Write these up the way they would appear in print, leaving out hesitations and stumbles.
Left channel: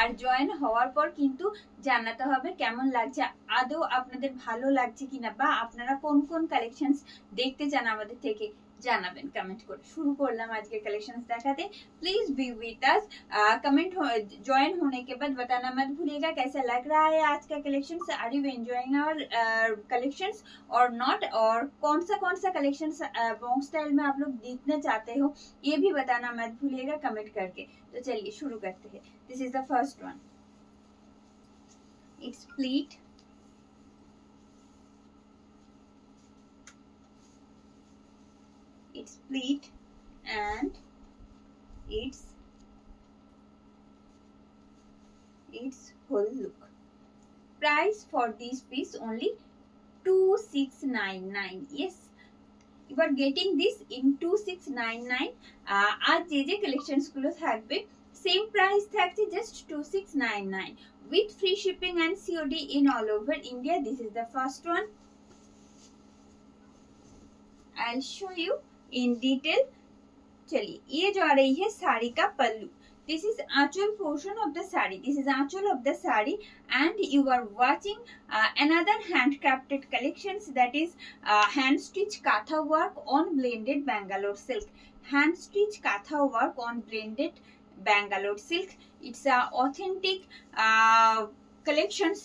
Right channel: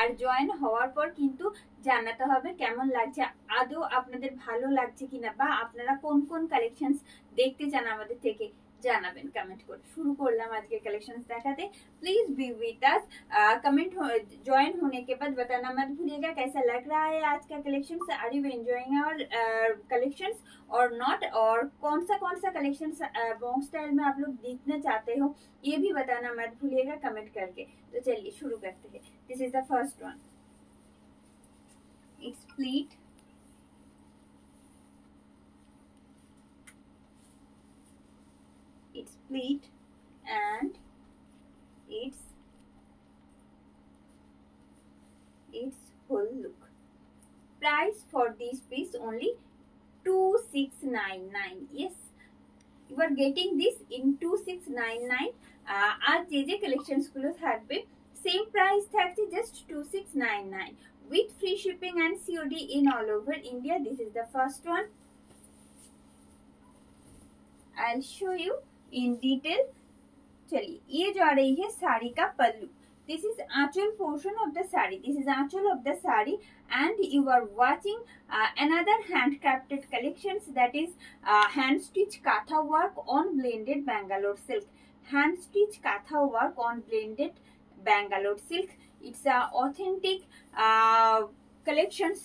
আর join হওয়ার পর কিন্তু জানাতে হবে কেমন লাগছে, আদৌ আপনাদের ভালো লাগছে কিনা, বা আপনারা কোন কোন কালেকশনস দেখতে চান আমাদের থেকে জানাবেন কমেন্ট করে। শুরু করলাম আজকে कलेक्शंस दिखाते। Please be with us. Comment join होने के बाद बताना मत भूलिएगा कैसा लग रहा है आज का collections. Are you enjoying our collections और नॉट, और कौन सा कलेक्शंस बॉन्ग स्टाइल में आप लोग देखना चाहते हो ये भी बताना मत भूलिएगा कमेंट करके। तो चलिए शुरू करते हैं। This is the first one. It's pleat, it's pleat and its whole look. Price for this piece only 2699. Yes, you are getting this in 2699. आज जे collections गुलो থাকবে same price থাকছে just 2699 with free shipping and COD in all over India. This is the first one. I'll show you in detail. चलिए, ये जो आ रही है साड़ी का pallu. This is Aanchal portion of the saree. This is anchal of the saree, and you are watching another handcrafted collections, that is hand stitch katha work on blended Bangalore silk. Hand stitch katha work on blended Bangalore silk. It's a authentic collections,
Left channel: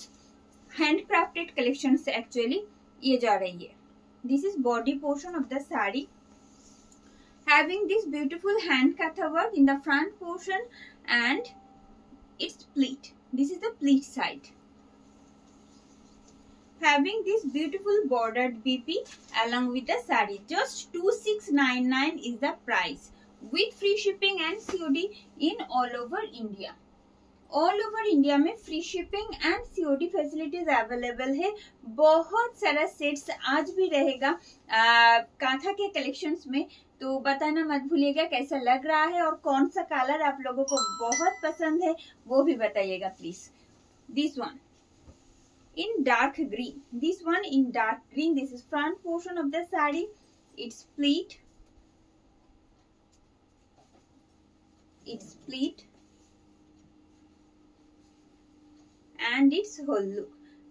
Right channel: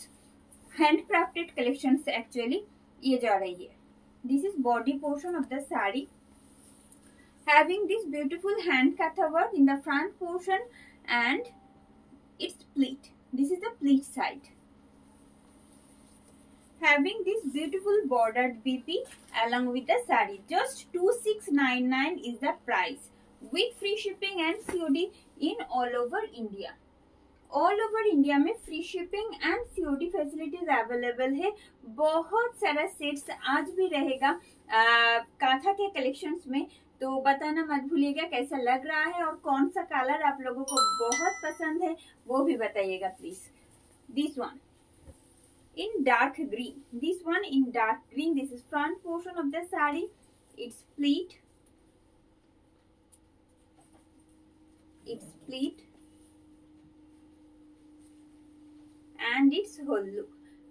handcrafted collections actually. ये जो आ रही है, this is body portion of the saree, having this beautiful hand katha work in the front portion, and it's pleat. This is the pleat side, having this beautiful bordered BP along with the saree. Just 2699 is the price with free shipping and COD in all over India. All over India में free shipping and COD facilities available है। बहुत सारा sets आज भी रहेगा कांथा के collections में, तो बताना मत भूलिएगा कैसा लग रहा है और कौन सा कलर आप लोगों को बहुत पसंद है वो भी बताइएगा please. This one in dark green, this one in dark green, this is front portion of the sari, it's pleat, and its whole look.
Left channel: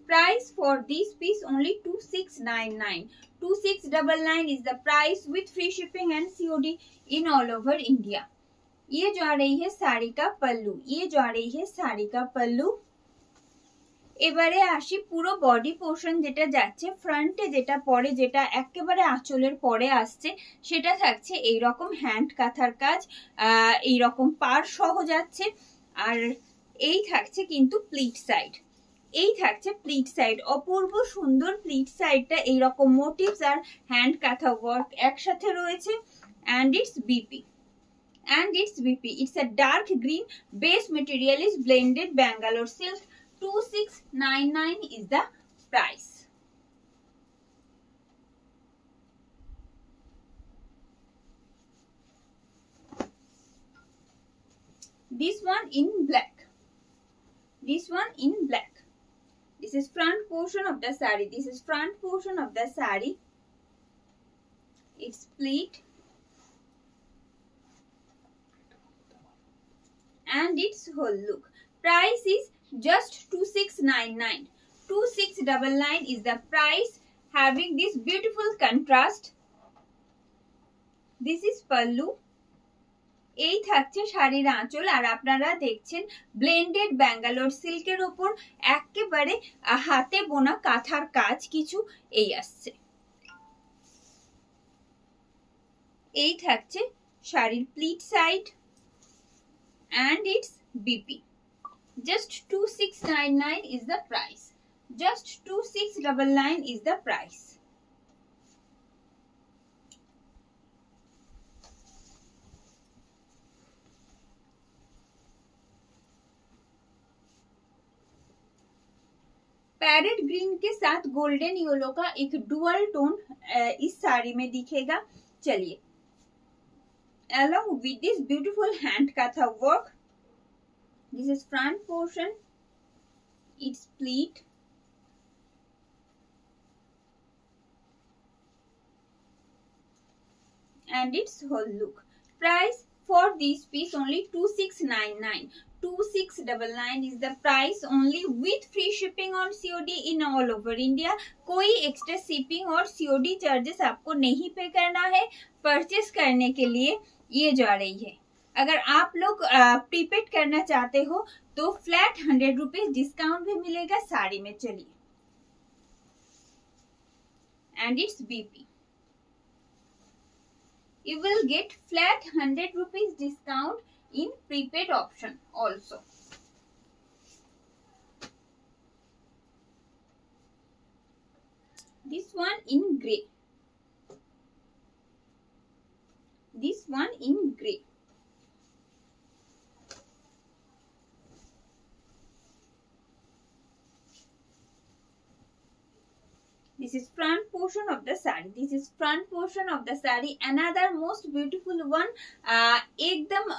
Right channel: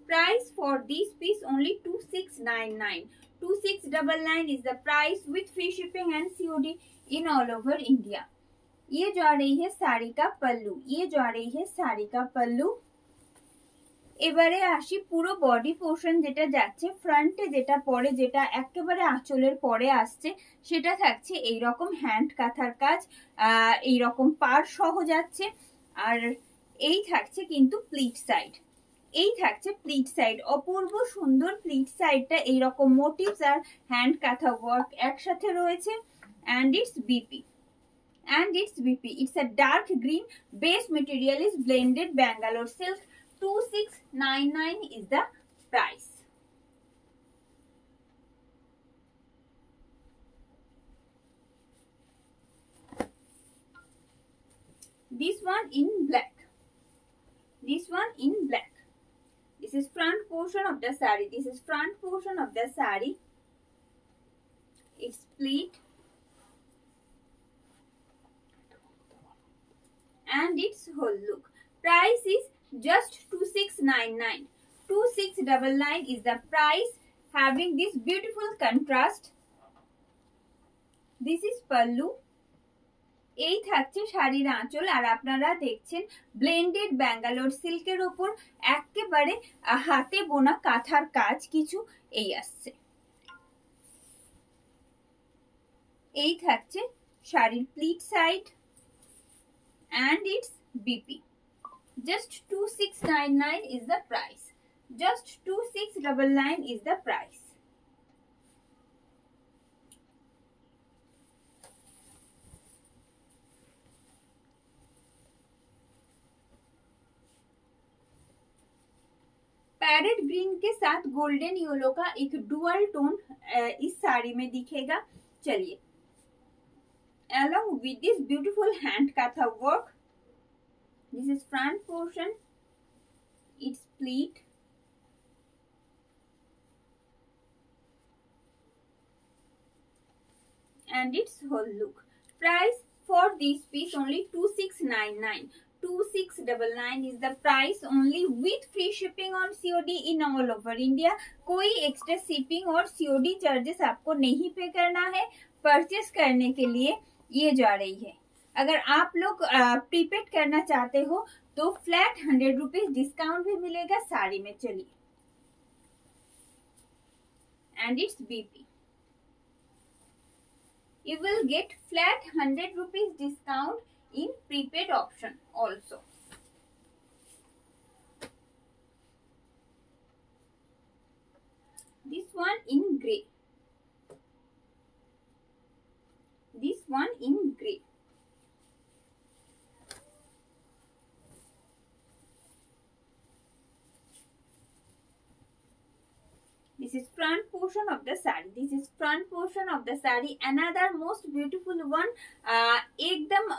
Price for this piece only 2699. 2699 is the price with free shipping and COD in all over India. ये जो आ रही है साड़ी का पल्लू, ये जो आ रही है साड़ी का पल्लू। এবারে আসি পুরো বডি পোর্শন যেটা যাচ্ছে ফ্রন্টে, যেটা পরে, যেটা একেবারে আঁচলের পরে আসছে, সেটা থাকছে এই রকম হ্যান্ড কাঁথার কাজ, এই রকম পার সহ যাচ্ছে। আর এই থাকছে কিন্তু প্লিট সাইড, এই থাকছে প্লিট সাইড, অপূর্ব সুন্দর প্লিট সাইডটা এইরকম মোটিভস আর হ্যান্ড কাঁথা ওয়ার্ক একসাথে রয়েছে। and its BP, it's a dark green, base material is blended Bangalore silk. 2699 is the price. This one in black, this one in black, this is front portion of the saree, this is front portion of the saree, it's pleat and its whole look. Price is just 2699. 2699 is the price, having this beautiful contrast. This is pallu. এই থাকছে শাড়ির আঁচল, আর আপনারা দেখছেন blended Bangalore সিল্কের ওপর একেবারে হাতে বোনা কাঁথার কাজ কিছু এই আসছে। এই থাকছে শাড়ির pleat side and its BP. Just 2699 is the price. Just 2699 is the price. Parrot green के साथ गोल्डन येलो का एक डुअल टोन इस साड़ी में दिखेगा। चलिए, along with this beautiful hand katha work, this is front portion, it's pleat and its whole look. Price for this piece only 2699. 2699 is the price only with free shipping on COD in all over India. कोई extra shipping और COD charges आपको नहीं पे करना है purchase करने के लिए ये जा रही है। अगर आप लोग प्रीपेड करना चाहते हो तो फ्लैट 100 रुपीज डिस्काउंट भी मिलेगा साड़ी में। चलिए, and it's BP. You will get flat 100 rupees discount in prepaid option also. This one in grey. This one in grey. This is front portion of the saree. This is front portion of the saree. Another most beautiful one. एकदम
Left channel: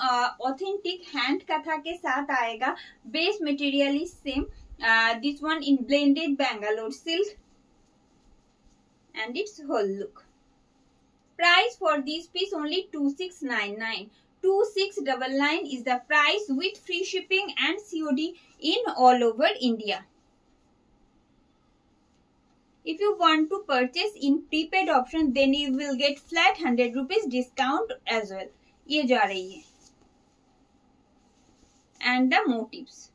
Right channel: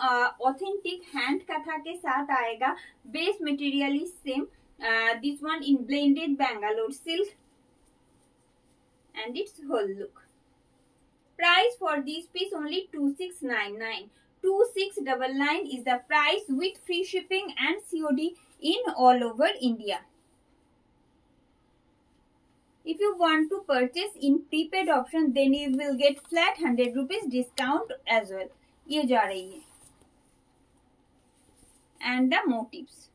authentic hand कथा के साथ आएगा. Base material is same. This one in blended Bangalore silk. And its whole look. Price for this piece only 2699. 2699 is the price with free shipping and COD in all over India. If you want to purchase in prepaid option, then you will get flat 100 rupees discount as well. ये जा रही है. And the motifs.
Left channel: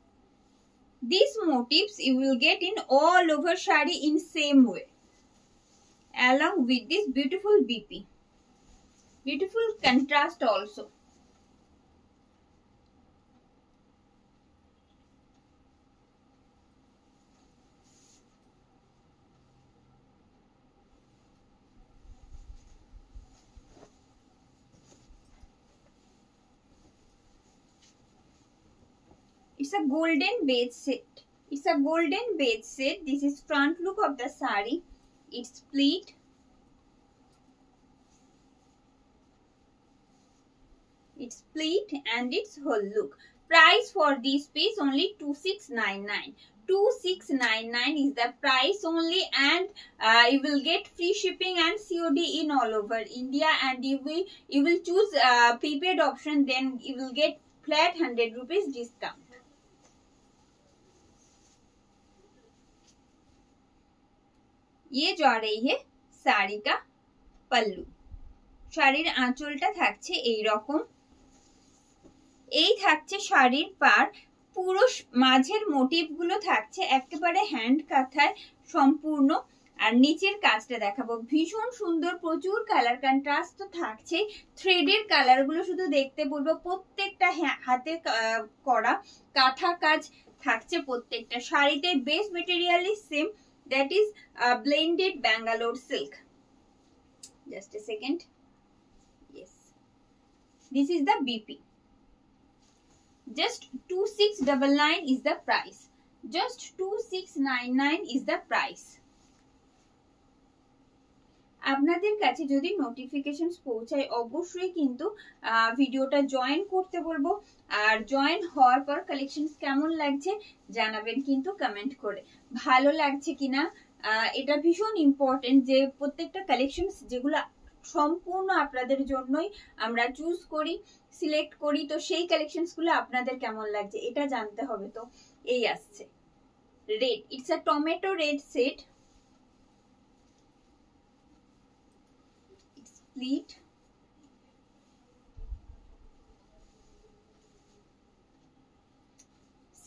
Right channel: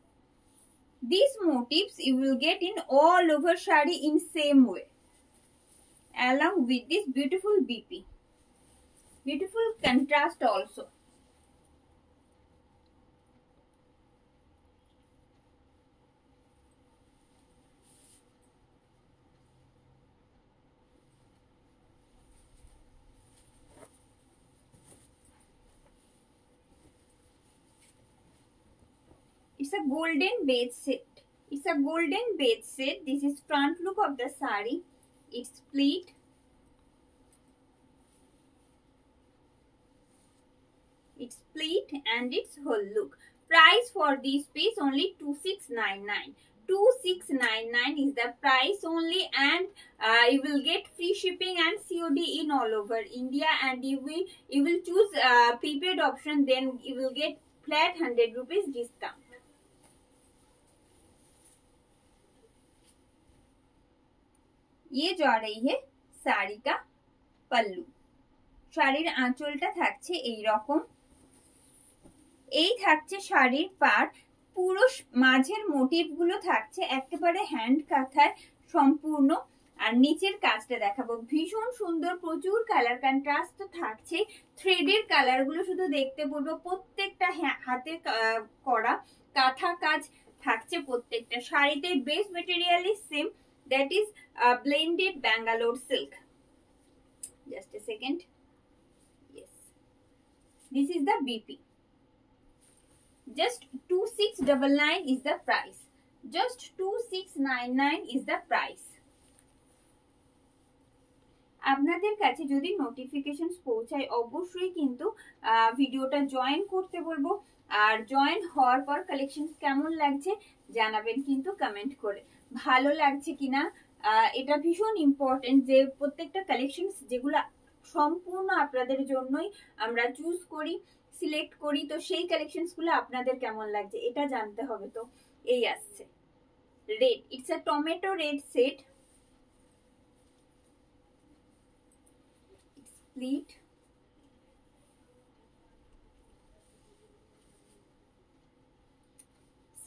These motifs you will get in all over shadi in same way. Along with this beautiful BP. Beautiful contrast also. It's a golden beige set. It's a golden beige set. This is front look of the saree. It's split. It's split and its whole look. Price for this piece only 2699. 2699 is the price only, and you will get free shipping and COD in all over India. And you will choose prepaid option, then you will get flat 100 rupees discount. ये जा रही है শাড়ি का পল্লু। শাড়ির আঁচলটা থাকছে এই রকম, এই থাকছে শাড়ির পার, পুরো মাঝের মোটিভ গুলো থাকছে একেবারে হ্যান্ড কাঁথায় সম্পূর্ণ। আর নিচের কাজটা দেখাবো, ভীষণ সুন্দর, প্রচুর কালার কন্ট্রাস্ট তো থাকছে। থ্রেডের কালার গুলো শুধু দেখতে বলবো, প্রত্যেকটা হাতে করা কাঁথা কাজ থাকছে প্রত্যেকটা শাড়িতে। Base material is same, that is blended Bangalore silk. Just a second. Yes, this is the BP. Just 2699 is the price. Just 2699 is the price. আপনাদের কাছে যদি নোটিফিকেশন পৌঁছায় অবশ্যই কিন্তু ভিডিওটা জয়েন করতে বলবো। আর জয়েন হওয়ার পর কালেকশন কেমন লাগছে জানাবেন কিন্তু কমেন্ট করে। ভালো লাগছে কিনা এটা ভীষণ ইম্পর্টেন্ট, যে প্রত্যেকটা কালেকশন যেগুলো সম্পূর্ণ আপনাদের জন্যই আমরা চুজ করি, সিলেক্ট করি, তো সেই কালেকশনস গুলো আপনাদের কেমন লাগছে এটা জানতে হবে। তো এই আসছে red, it's a tomato red set. Split.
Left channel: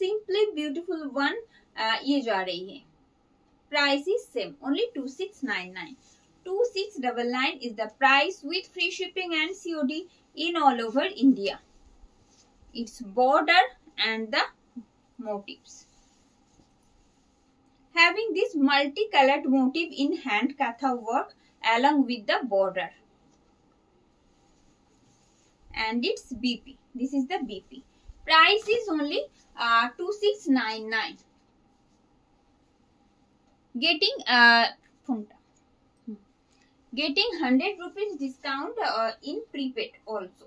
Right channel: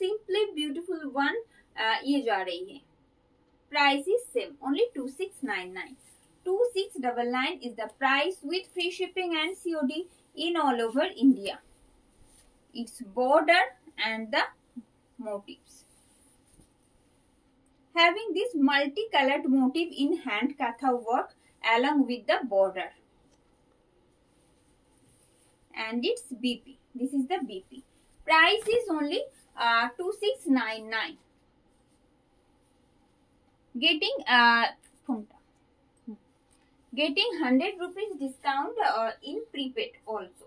Simply beautiful one. ये जा रही है। Price is same, only 2699. 2699 is the price with free shipping and COD in all over India. Its border and the motifs. Having this multicolored motif in hand katha work along with the border. And it's BP. This is the BP. Price is only 2699. Getting 100 rupees discount in prepaid also.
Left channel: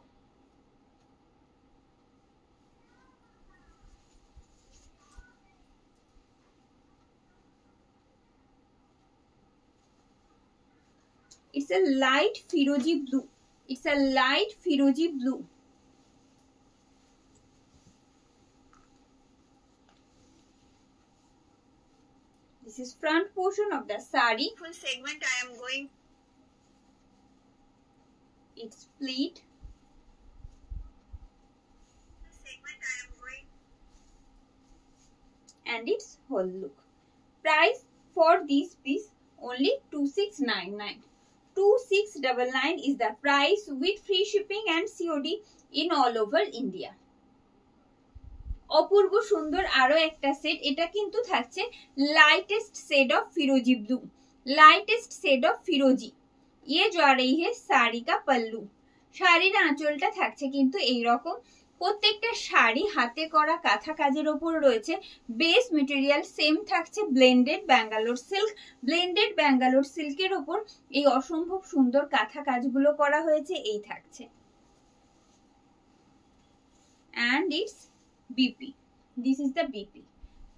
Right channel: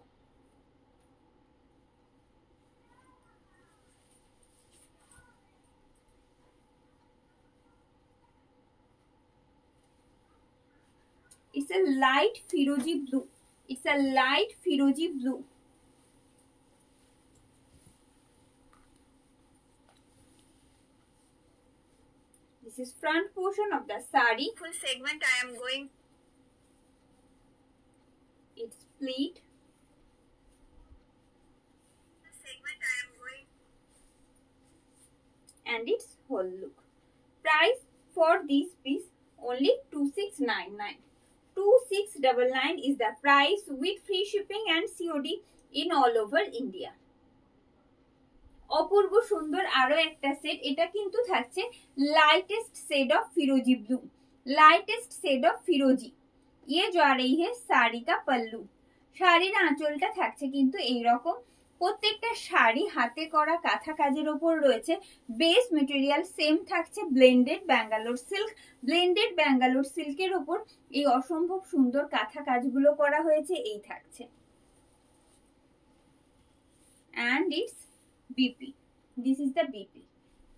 It's a light Firozi blue. It's a light Firozi blue. This is front portion of the sari. Full segment I am going. It's pleat. Segment I am going. And its whole look. Price for this piece only 2699. 2699 is the price with free shipping and COD in all over India. অপূর্ব সুন্দর আরো একটা set, এটা কিন্তু থাকছে lightest shade of फिरोजी blue, lightest shade of फिरोजी। ये जा रही है साड़ी का पल्लू। শাড়ির আঁচলটা থাকছে কিন্তু এই রকম। প্রত্যেকটা শাড়ি হাতে করা কাঁথা কাজের উপর রয়েছে। বেস মেটেরিয়াল সেম থাকছে blended Bangalore silk. Blended Bangalore সিল্কের উপর এই অসম্ভব সুন্দর কাঁথা কাজগুলো করা হয়েছে, এই থাকছে। And it's BP. This is the BP.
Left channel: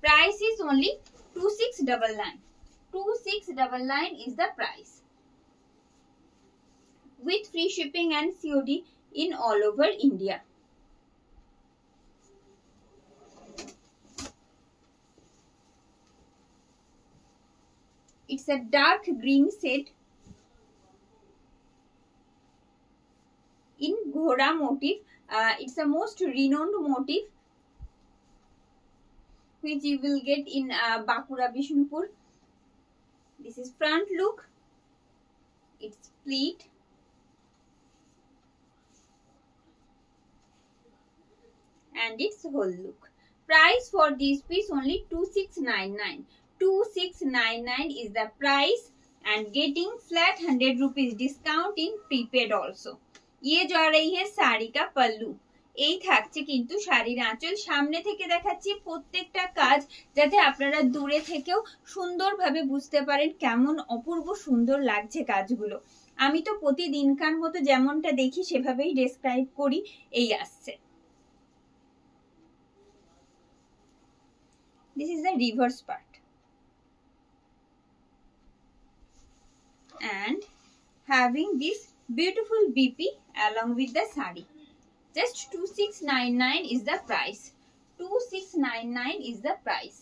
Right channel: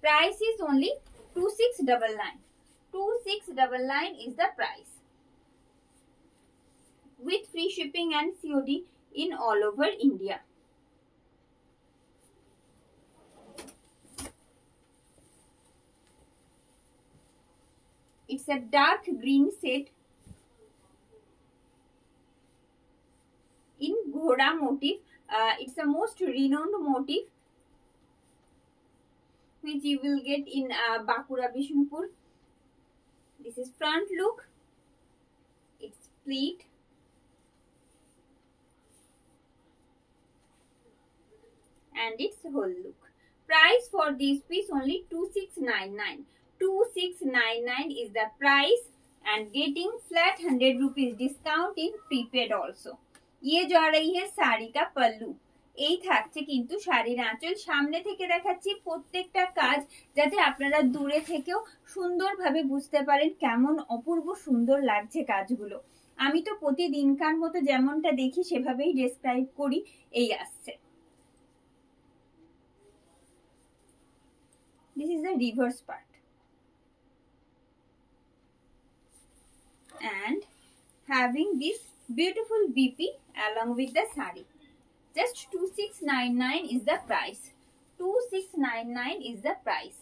Price is only 2699. 2699 is the price. With free shipping and COD in all over India. It's a dark green shade in Ghoda motif. It's a most renowned motif which you will get in Bakura Bishnupur. This is front look. It's pleat. And its whole look. Price for this piece only 2699. 2699 is the price and getting flat 100 rupees discount in prepaid also. ये जा रही है साड़ी का पल्लू। এই থাকছে কিন্তু শাড়ির আঁচল। সামনে থেকে দেখাচ্ছি প্রত্যেকটা কাজ, যাতে আপনারা দূরে থেকেও সুন্দরভাবে বুঝতে পারেন কেমন অপূর্ব সুন্দর লাগছে কাজগুলো। আমি তো প্রতিদিনকার মতো যেমনটা দেখি সেভাবেই ডেসক্রাইব করি, এই আসছে। This is the reverse part. And having this beautiful BP along with the sari. Just 2699 is the price. 2699 is the price.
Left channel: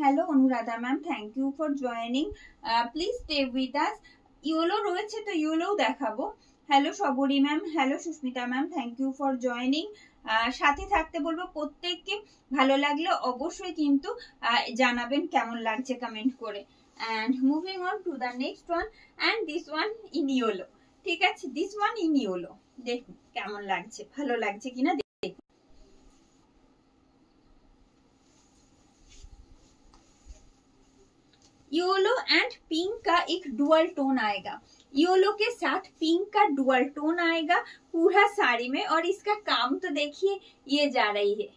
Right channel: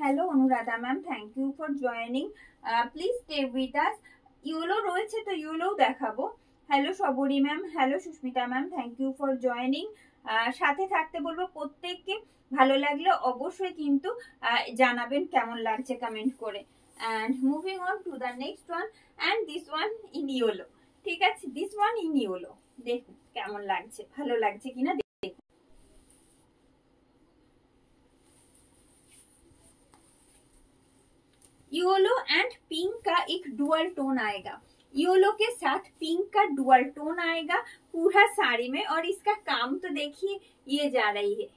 Hello Anuradha ma'am, thank you for joining. Please stay with us. Yolo রয়েছে তো yellow দেখাবো। Hello Sabari ma'am, hello Susmita ma'am, thank you for joining. সাথে থাকতে বলবো প্রত্যেককে। ভালো লাগলে অবশ্যই কিন্তু জানাবেন কেমন লাগছে কমেন্ট করে। And moving on to the next one, and this one in yellow. ঠিক আছে, this one in yellow. দেখুন কেমন লাগছে, ভালো লাগছে কিনা দেখুন। येलो एंड पिंक का एक डुअल टोन आएगा। येलो के साथ पिंक का डुअल टोन आएगा पूरा साड़ी में, और इसका काम तो देखिए, ये जा रही है।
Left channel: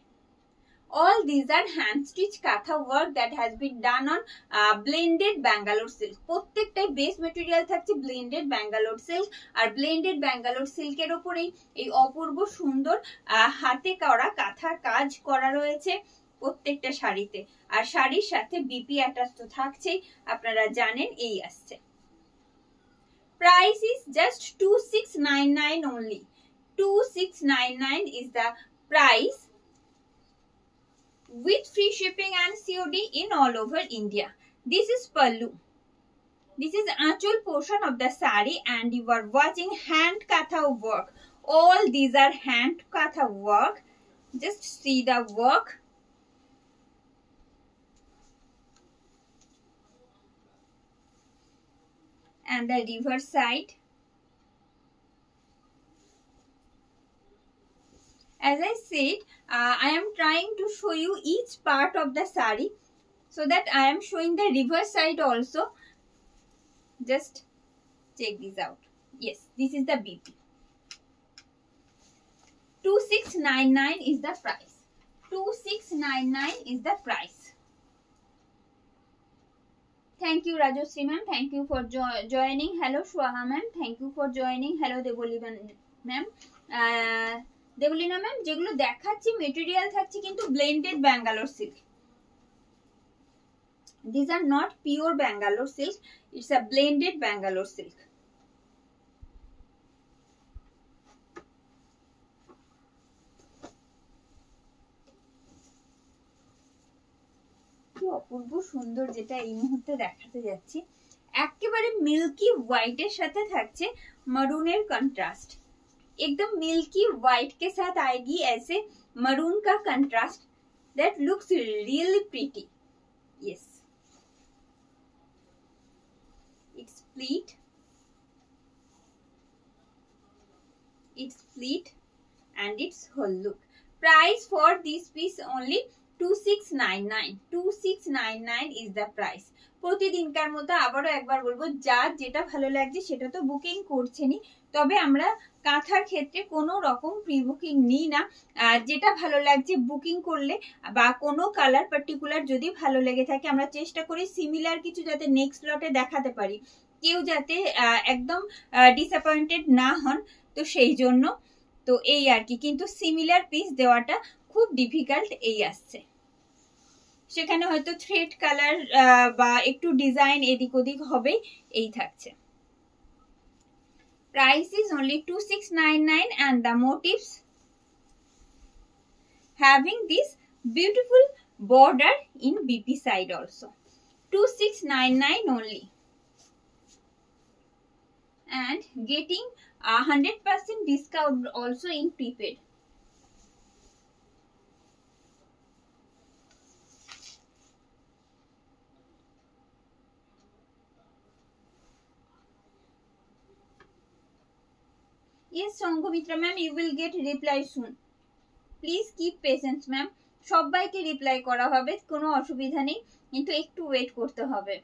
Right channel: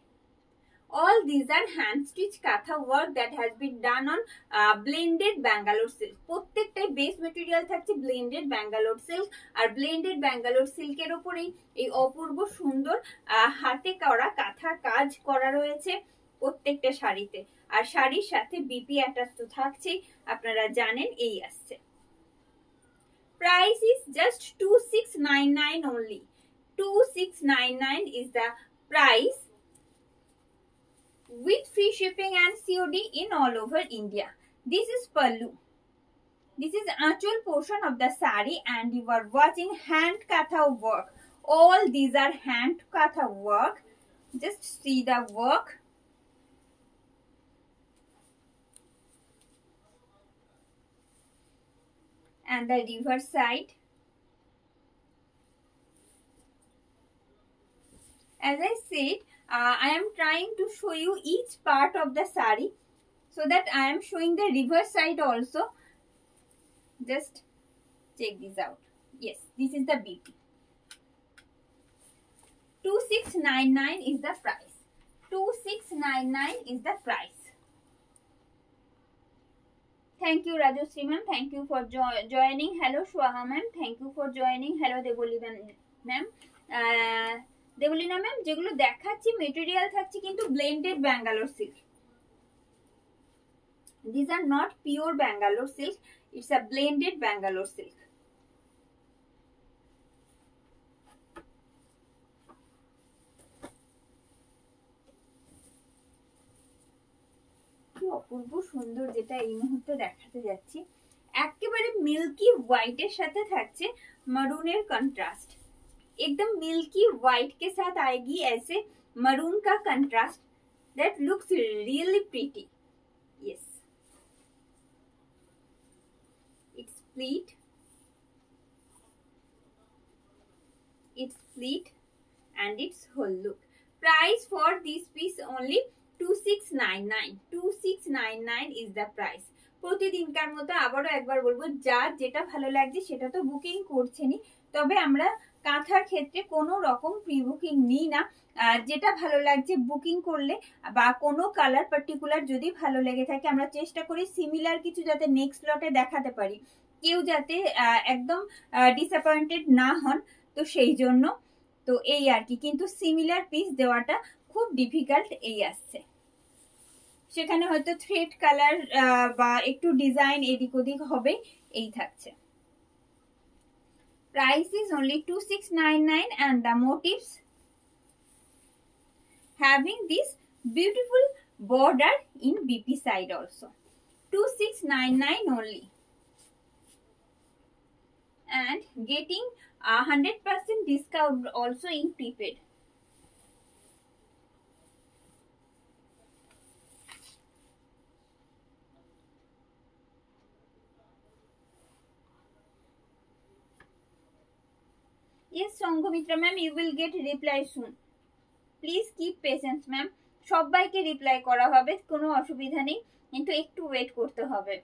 All these are hand stitch katha work that has been done on blended Bangalore silk. প্রত্যেকটাই বেস মেটেরিয়াল থাকছে blended Bangalore silk, আর blended Bangalore silk এর উপরে এই অপূর্ব সুন্দর হাতে করা কাঁথার কাজ করা রয়েছে প্রত্যেকটা শাড়িতে। আর শাড়ির সাথে বিপি অ্যাটাচ তো থাকছেই, আপনারা জানেন, এই আসছে। Price is just 2699 only. 2699 is the price with free shipping and COD in all over India. This is pallu. This is actual portion of the sari, and you are watching hand katha work. All these are hand katha work. Just see the work. And the reverse side. As I said, I am trying to show you each part of the sari, so that I am showing the reverse side also. Just check this out. Yes, this is the BP. 2699 is the price. 2699 is the price. Thank you Rajashree ma'am, thank you for joining. Hello Shwaha ma'am, thank you for joining. Hello Devolina ma'am. Deblina ma'am, যেগুলো দেখাচ্ছি material থাকছে কিন্তু blended Bangalore silk. These are not pure Bangalore silk, it's a blended Bangalore silk. কি অপূর্ব সুন্দর, যেটা এই মুহূর্তে দেখাতে যাচ্ছি। একেবারে মিল্কি হোয়াইটের সাথে থাকছে मरून कंट्रास्ट, एकदम मिल्की व्हाइट के साथ आएगी ऐसे मरून का contrast that looks really pretty. Yes, it's pleat, and its whole look. Price for this piece only 2699. 2699 is the price. প্রতিদিনকার মতো আবারও একবার বলবো, যার যেটা ভালো লাগছে সেটা তো বুকিং করছেনই, তবে আমরা কাঁথার ক্ষেত্রে কোনো রকম প্রি বুকিং নিই না। যেটা ভালো লাগছে বুকিং করলে বা কোনো কালার পার্টিকুলার যদি ভালো লেগে থাকে আমরা চেষ্টা করি সিমিলার কিছু যাতে নেক্সট লটে দেখাতে পারি, কেউ যাতে একদম ডিসঅ্যাপয়েন্টেড না হন, তো সেই জন্য তো এই আর কি। কিন্তু সিমিলার পিস দেওয়াটা খুব ডিফিকাল্ট এই আসছে, সেখানে হয়তো থ্রেড কালার বা একটু ডিজাইন এদিক ওদিক হবে, এই থাকছে। Price is only 2699 and the motifs having this beautiful border in BP side also. 2699 only, and getting 100% discount also in prepaid. Yes, Sanghamitra ma'am, you will get reply soon. Please keep patience ma'am. সবাইকে reply করা হবে, কোনো অসুবিধা নেই, কিন্তু একটু wait করতে হবে।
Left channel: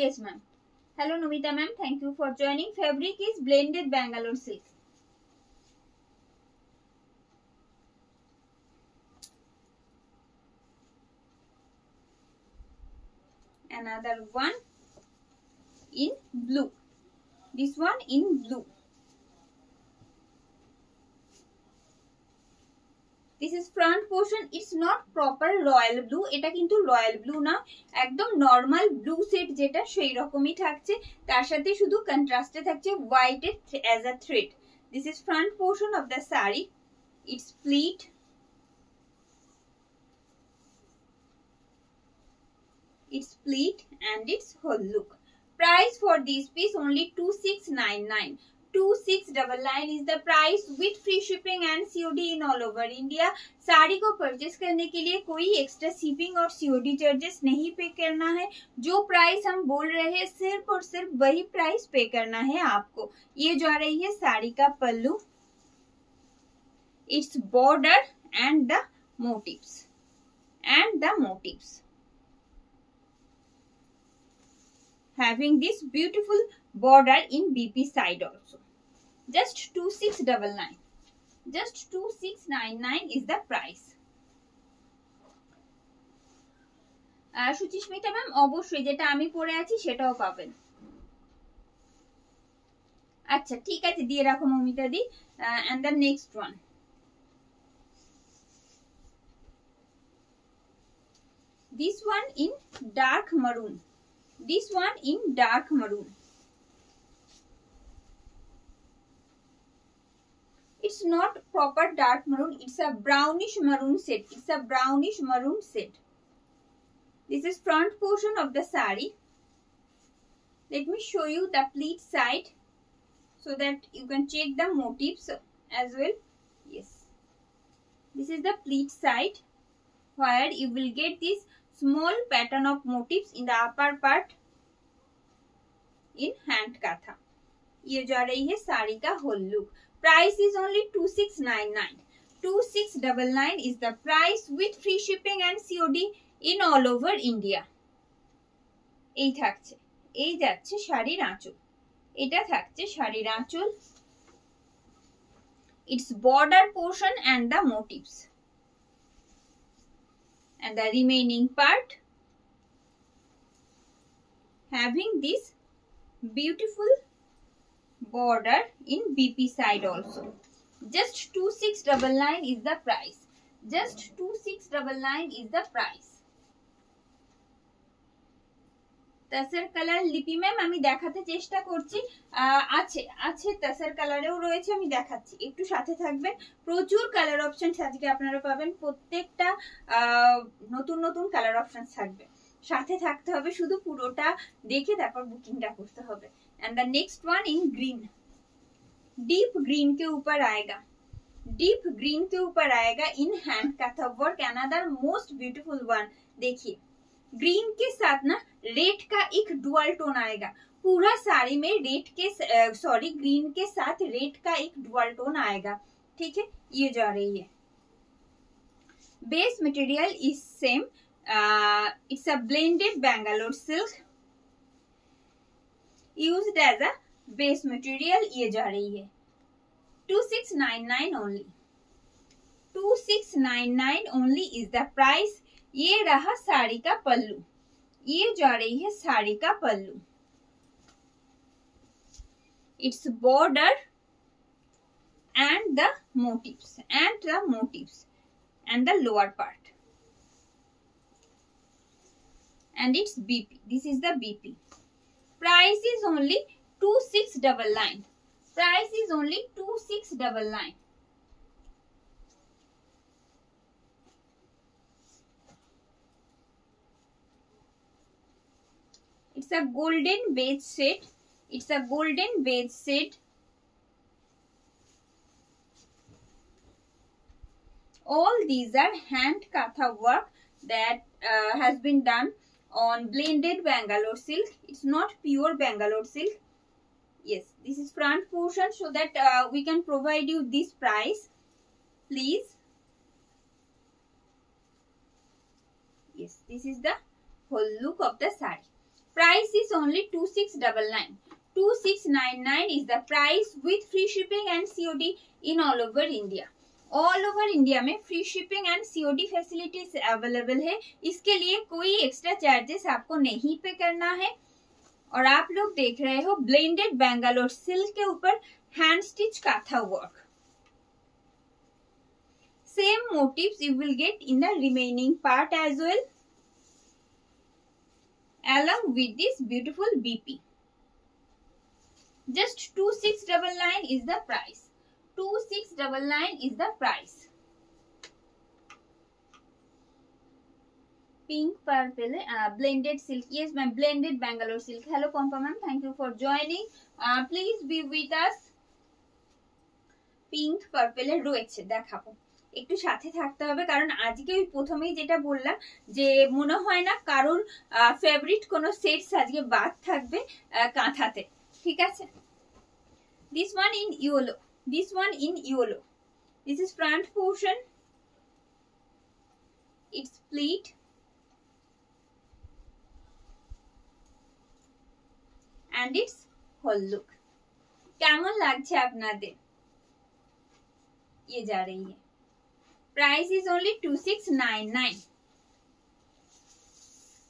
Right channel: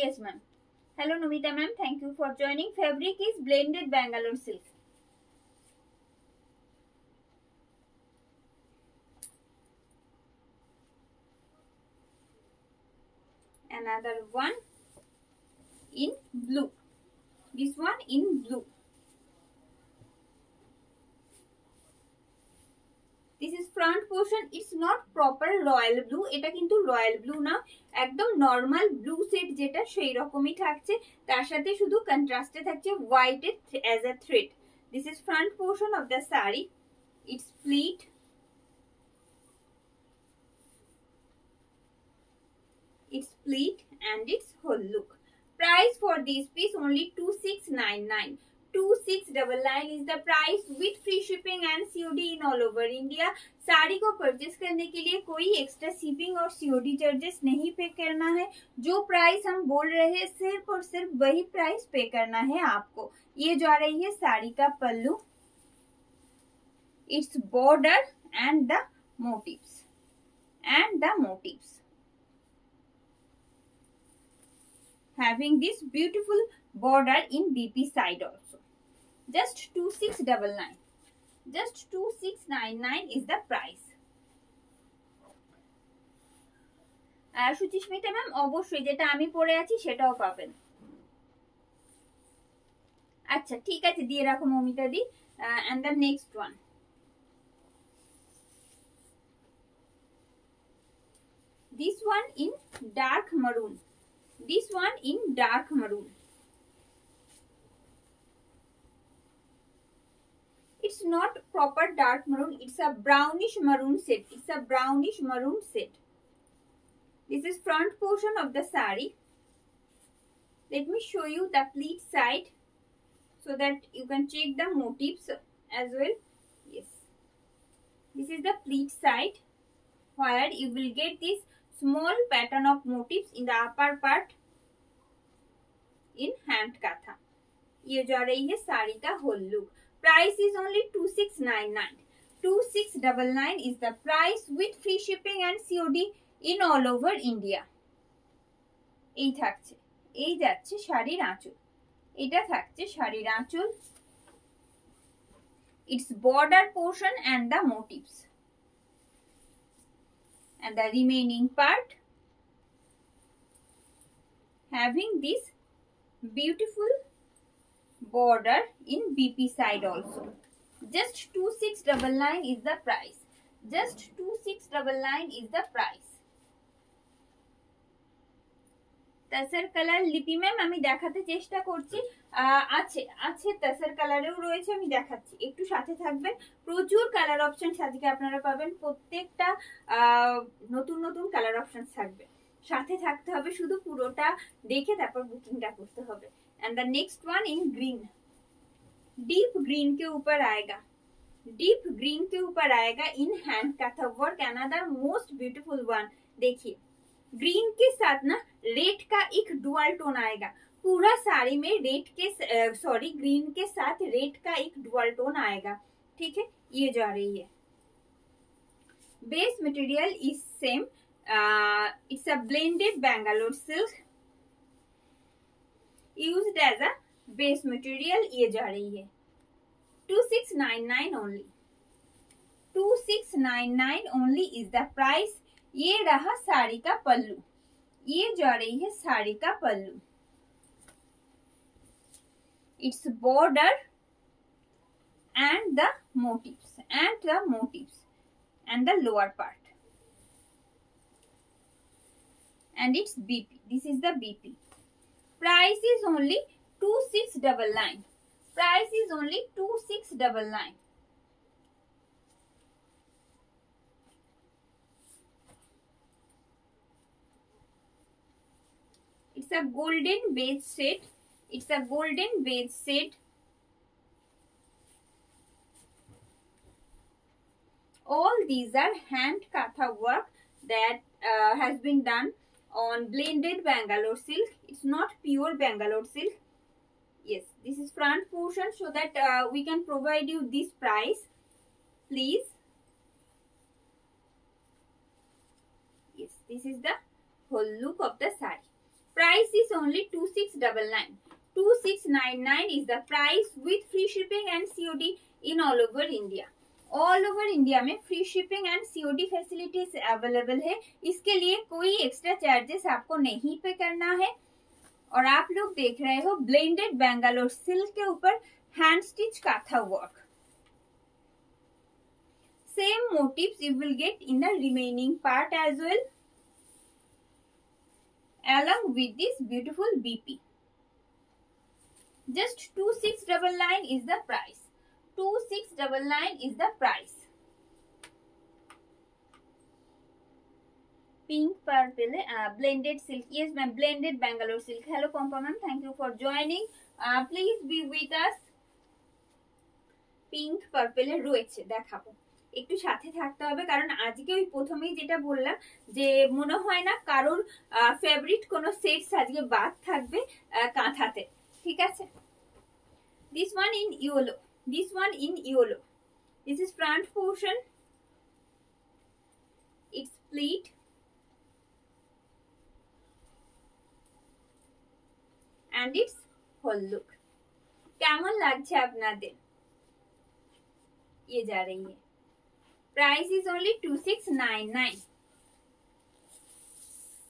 Yes ma'am. Hello Numita ma'am, thank you for joining. Fabric is blended Bangalore silk. Another one in blue. This one in blue. This is front portion. It's not proper royal blue. এটা কিন্তু royal blue না, একদম normal blue set যেটা সেই রকমই থাকছে, তার সাথে শুধু কন্ট্রাস্টে থাকছে white as a thread. This is front portion of the saree. It's pleat. Its pleat and its whole look. Price for this piece only 2699. 2699 is the price with free shipping and COD in all over India. Sari को purchase करने के लिए कोई extra shipping और COD charges नहीं पे करना है। जो प्राइस हम बोल रहे हैं सिर्फ और सिर्फ वही प्राइस पे करना है आपको। ये जा रही है साड़ी का पल्लू, its border and the motifs, having this beautiful border in BP side also. Just 2699. Just 2699 is the price. Suchismita ma'am অবশ্যই যেটা আমি পরে আছি সেটাও পাবেন। আচ্ছা ঠিক আছে, দিয়ে রাখো মমিতা দি। and the next one, this one in dark maroon. This one in dark maroon. It's not proper dark maroon, it's a brownish maroon set. It's a brownish maroon set. This is front portion of the saree. Let me show you the pleat side so that you can check the motifs as well. Yes, this is the pleat side where you will get this small pattern of motifs in the upper part in hand katha. ये जा रही है साड़ी का whole look. Price is only 2699. 2699 is the price with free shipping and COD in all over India. এই থাকছে, এই যাচ্ছে শাড়ির আঁচল, এটা থাকছে শাড়ির আঁচল, its border portion and the motifs, and the remaining part having this beautiful border in BP side also. Just 2699 is the price. Just 2699 is the price. তাসার colour লিপি ম্যাম আমি দেখাতে চেষ্টা করছি, আছে আছে তাসার কালারেও রয়েছে, আমি দেখাচ্ছি, একটু সাথে থাকবেন। প্রচুর কালার অপশন আজকে আপনারা পাবেন, প্রত্যেকটা নতুন নতুন কালার অপশন থাকবে, সাথে থাকতে হবে, শুধু পুরোটা দেখে তারপর বুকিংটা করতে হবে। And the next one in green, deep green के ऊपर आएगा, डीप ग्रीन के ऊपर आएगा in hand kantha work, another most beautiful one. देखिए ग्रीन के साथ ना रेड का एक डुअल टोन आएगा, पूरा साड़ी में रेड के सॉरी ग्रीन के साथ रेड का एक डुअल टोन आएगा, ठीक है। ये जा रही है, base material is same, it's a blended Bangalore silk used as a base material. ये जा रही है 2699 only, 2699 only is the price. ये रहा साड़ी का पल्लू, ये जा रही है साड़ी का pallu, it's border and the motifs and the lower part, and it's BP, this is the BP। price is only 2699, price is only 2699। it's a golden beige shade, it's a golden beige shade। all these are hand katha work that has been done on blended Bangalore silk, it's not pure Bangalore silk। yes, this is front portion, so that we can provide you this price, please। yes, this is the whole look of the saree, price is only 2699, 2699 is the price with free shipping and COD in all over India। All over India में free shipping and COD facilities available है, इसके लिए कोई extra charges आपको नहीं पे करना है। और आप लोग देख रहे हो ब्लेंडेड बेंगलोर सिल्क के ऊपर hand stitch kantha work, same motifs you will get in the remaining part as well, along with this beautiful BP। just 2699 is the price, 2699 is the price। pink purple blended silk, yes ma'am, blended Bangalore silk। hello Pompa ma'am, thank you for joining, please be with us। pink purple এর রয়েছে, দেখাবো, একটু সাথে থাকতে হবে, কারণ আজকে ওই প্রথমেই যেটা বললাম যে মনে হয় না কারোর ফেভারিট কোনো সেটস আজকে বাদ থাকবে কাঁথাতে, ঠিক আছে। this one in yellow, this one in yellow, this is front portion, it's pleat and its whole look। কেমন লাগছে আপনাদের? ये जा रही है, price is only 2699।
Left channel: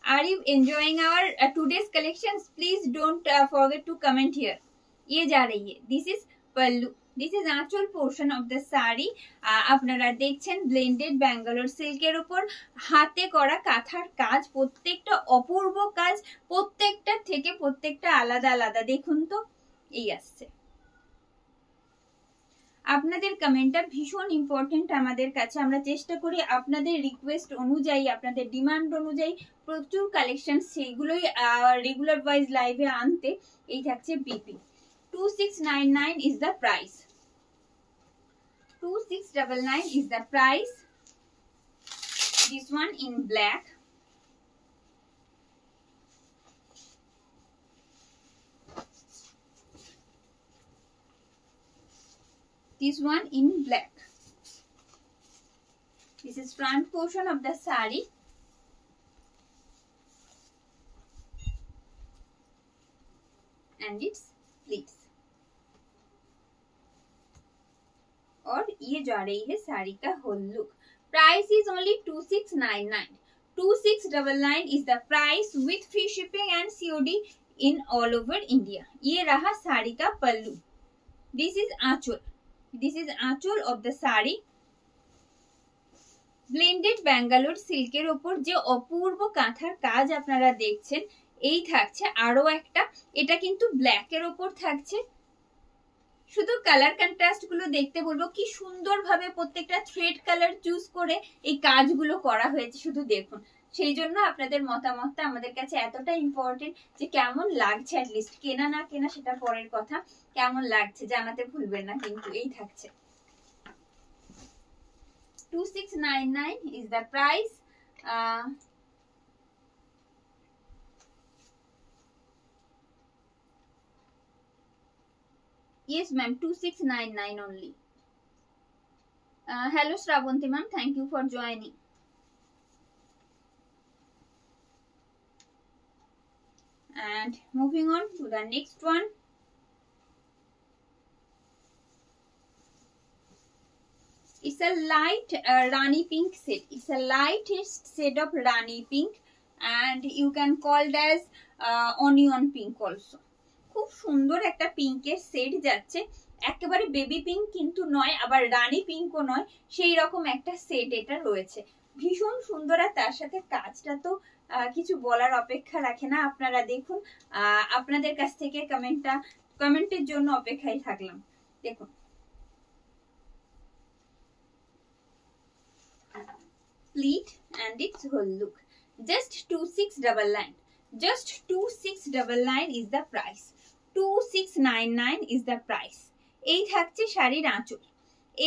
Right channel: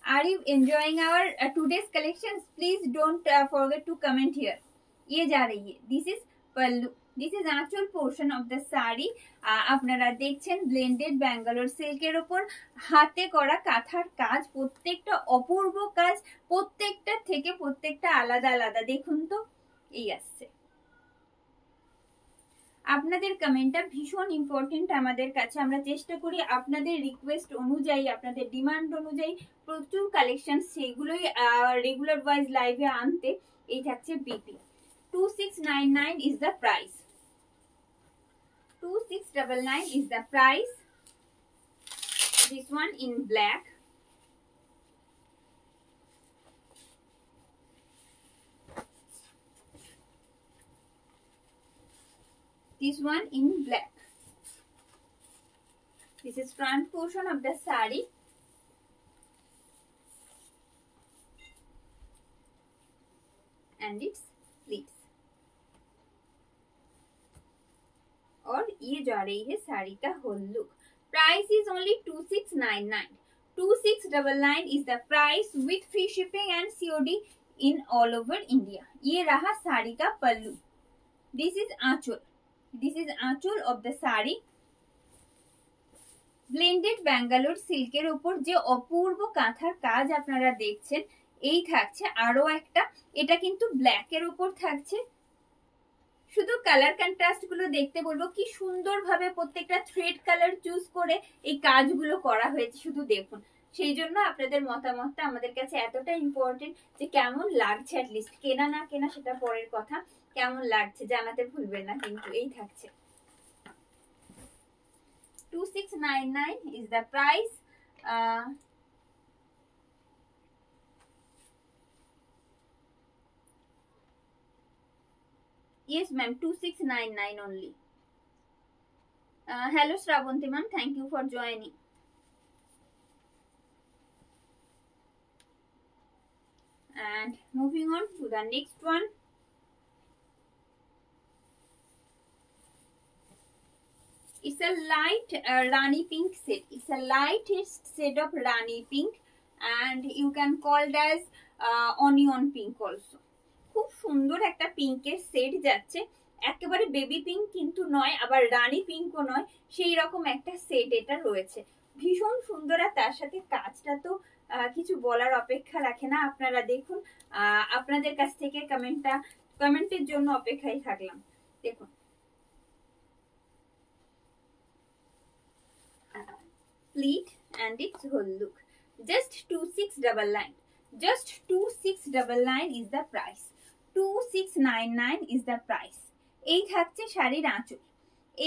are you enjoying our today's collections? please don't forget to comment here। ये जा रही है, this is pallu, this is actual portion of the saree। আপনারা দেখছেন ব্লেন্ডেড ব্যাঙ্গালোর সিল্কের উপর হাতে করা কাঁথার কাজ, প্রত্যেকটা অপূর্ব কাজ, প্রত্যেকটা থেকে প্রত্যেকটা আলাদা আলাদা। দেখুন তো, এই আসছে। আপনাদের কমেন্টটা ভীষণ ইম্পর্টেন্ট আমাদের কাছে, আমরা চেষ্টা করি আপনাদের রিকোয়েস্ট অনুযায়ী, আপনাদের ডিমান্ড অনুযায়ী প্রচুর কালেকশন সেইগুলোই রেগুলার ওয়াইজ লাইভে আনতে। এই থাকছে BP, 2699 is the price, 2699 is the price। this one in black, this one in black, this is front portion of the saree and its pleats। और ये जा रही है साड़ी का whole look. Price is only 2699, 2699 is the price with free shipping and COD in all over India। ये रहा साड़ी का pallu, this is anchal, this is anchal of the sari. Blended Bangalore সিল্কের উপর যে অপূর্ব কাঁথার কাজ আপনারা দেখছেন, এই থাকছে আরো একটা, এটা কিন্তু ব্ল্যাকের ওপর থাকছে। শুধু কালার কন্ট্রাস্ট গুলো দেখতে বলবো, কি সুন্দর ভাবে প্রত্যেকটা থ্রেড কালার চুজ করে এই কাজগুলো করা হয়েছে, শুধু দেখুন। সেই জন্য আপনাদের মতামতটা আমাদের কাছে এতটা ইম্পর্টেন্ট যে কেমন লাগছে, অ্যাটলিস্ট কেনা না কেনা সেটা পরের কথা, কেমন লাগছে জানাতে ভুলবেন না কিন্তু। এই থাকছে 2699 is the price. Yes ma'am, 2699 only. Hello Shravanti ma'am, thank you for joining. And moving on to the next one. It's a light Rani pink set. It's a lightest shade of Rani pink, and you can call it as onion pink also. খুব সুন্দর একটা পিঙ্কের set যাচ্ছে, একেবারে baby pink কিন্তু নয়, আবার রানী পিঙ্কও নয়, সেই রকম একটা সেট এটা রয়েছে। ভীষণ সুন্দর, আর তার সাথে কাজটা তো কিছু বলার অপেক্ষা রাখে না। আপনারা দেখুন, আপনাদের কাছ থেকে কমেন্টের জন্য অপেক্ষায় থাকলাম। দেখুন pleat and its whole look. Just 2699. Just 2699 is the price. 2699 is the price. এই থাকছে শাড়ির আঁচল,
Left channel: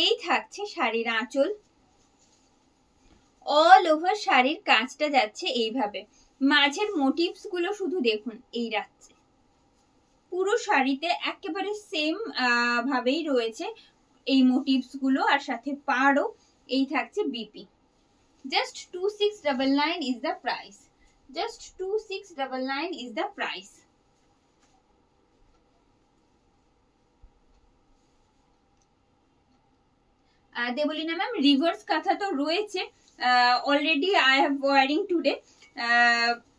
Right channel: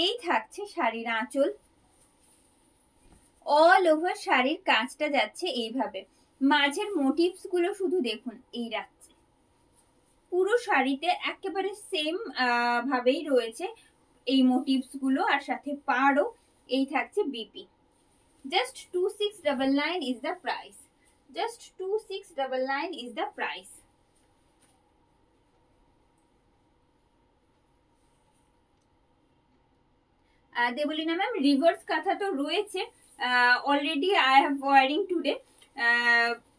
এই থাকছে শাড়ির আঁচল। অল ওভার শাড়ির কাজটা যাচ্ছে এইভাবে, মাঝের মোটিভস গুলো শুধু দেখুন, এই রাখছে পুরো শাড়িতে একেবারে সেম ভাবেই রয়েছে এই মোটিভস গুলো, আর সাথে পাড়ও। এই থাকছে BP. Just 2699 is the price. Just 2699 is the price. Debolina ma'am, reverse kantha তো রয়েছে already. I have wearing today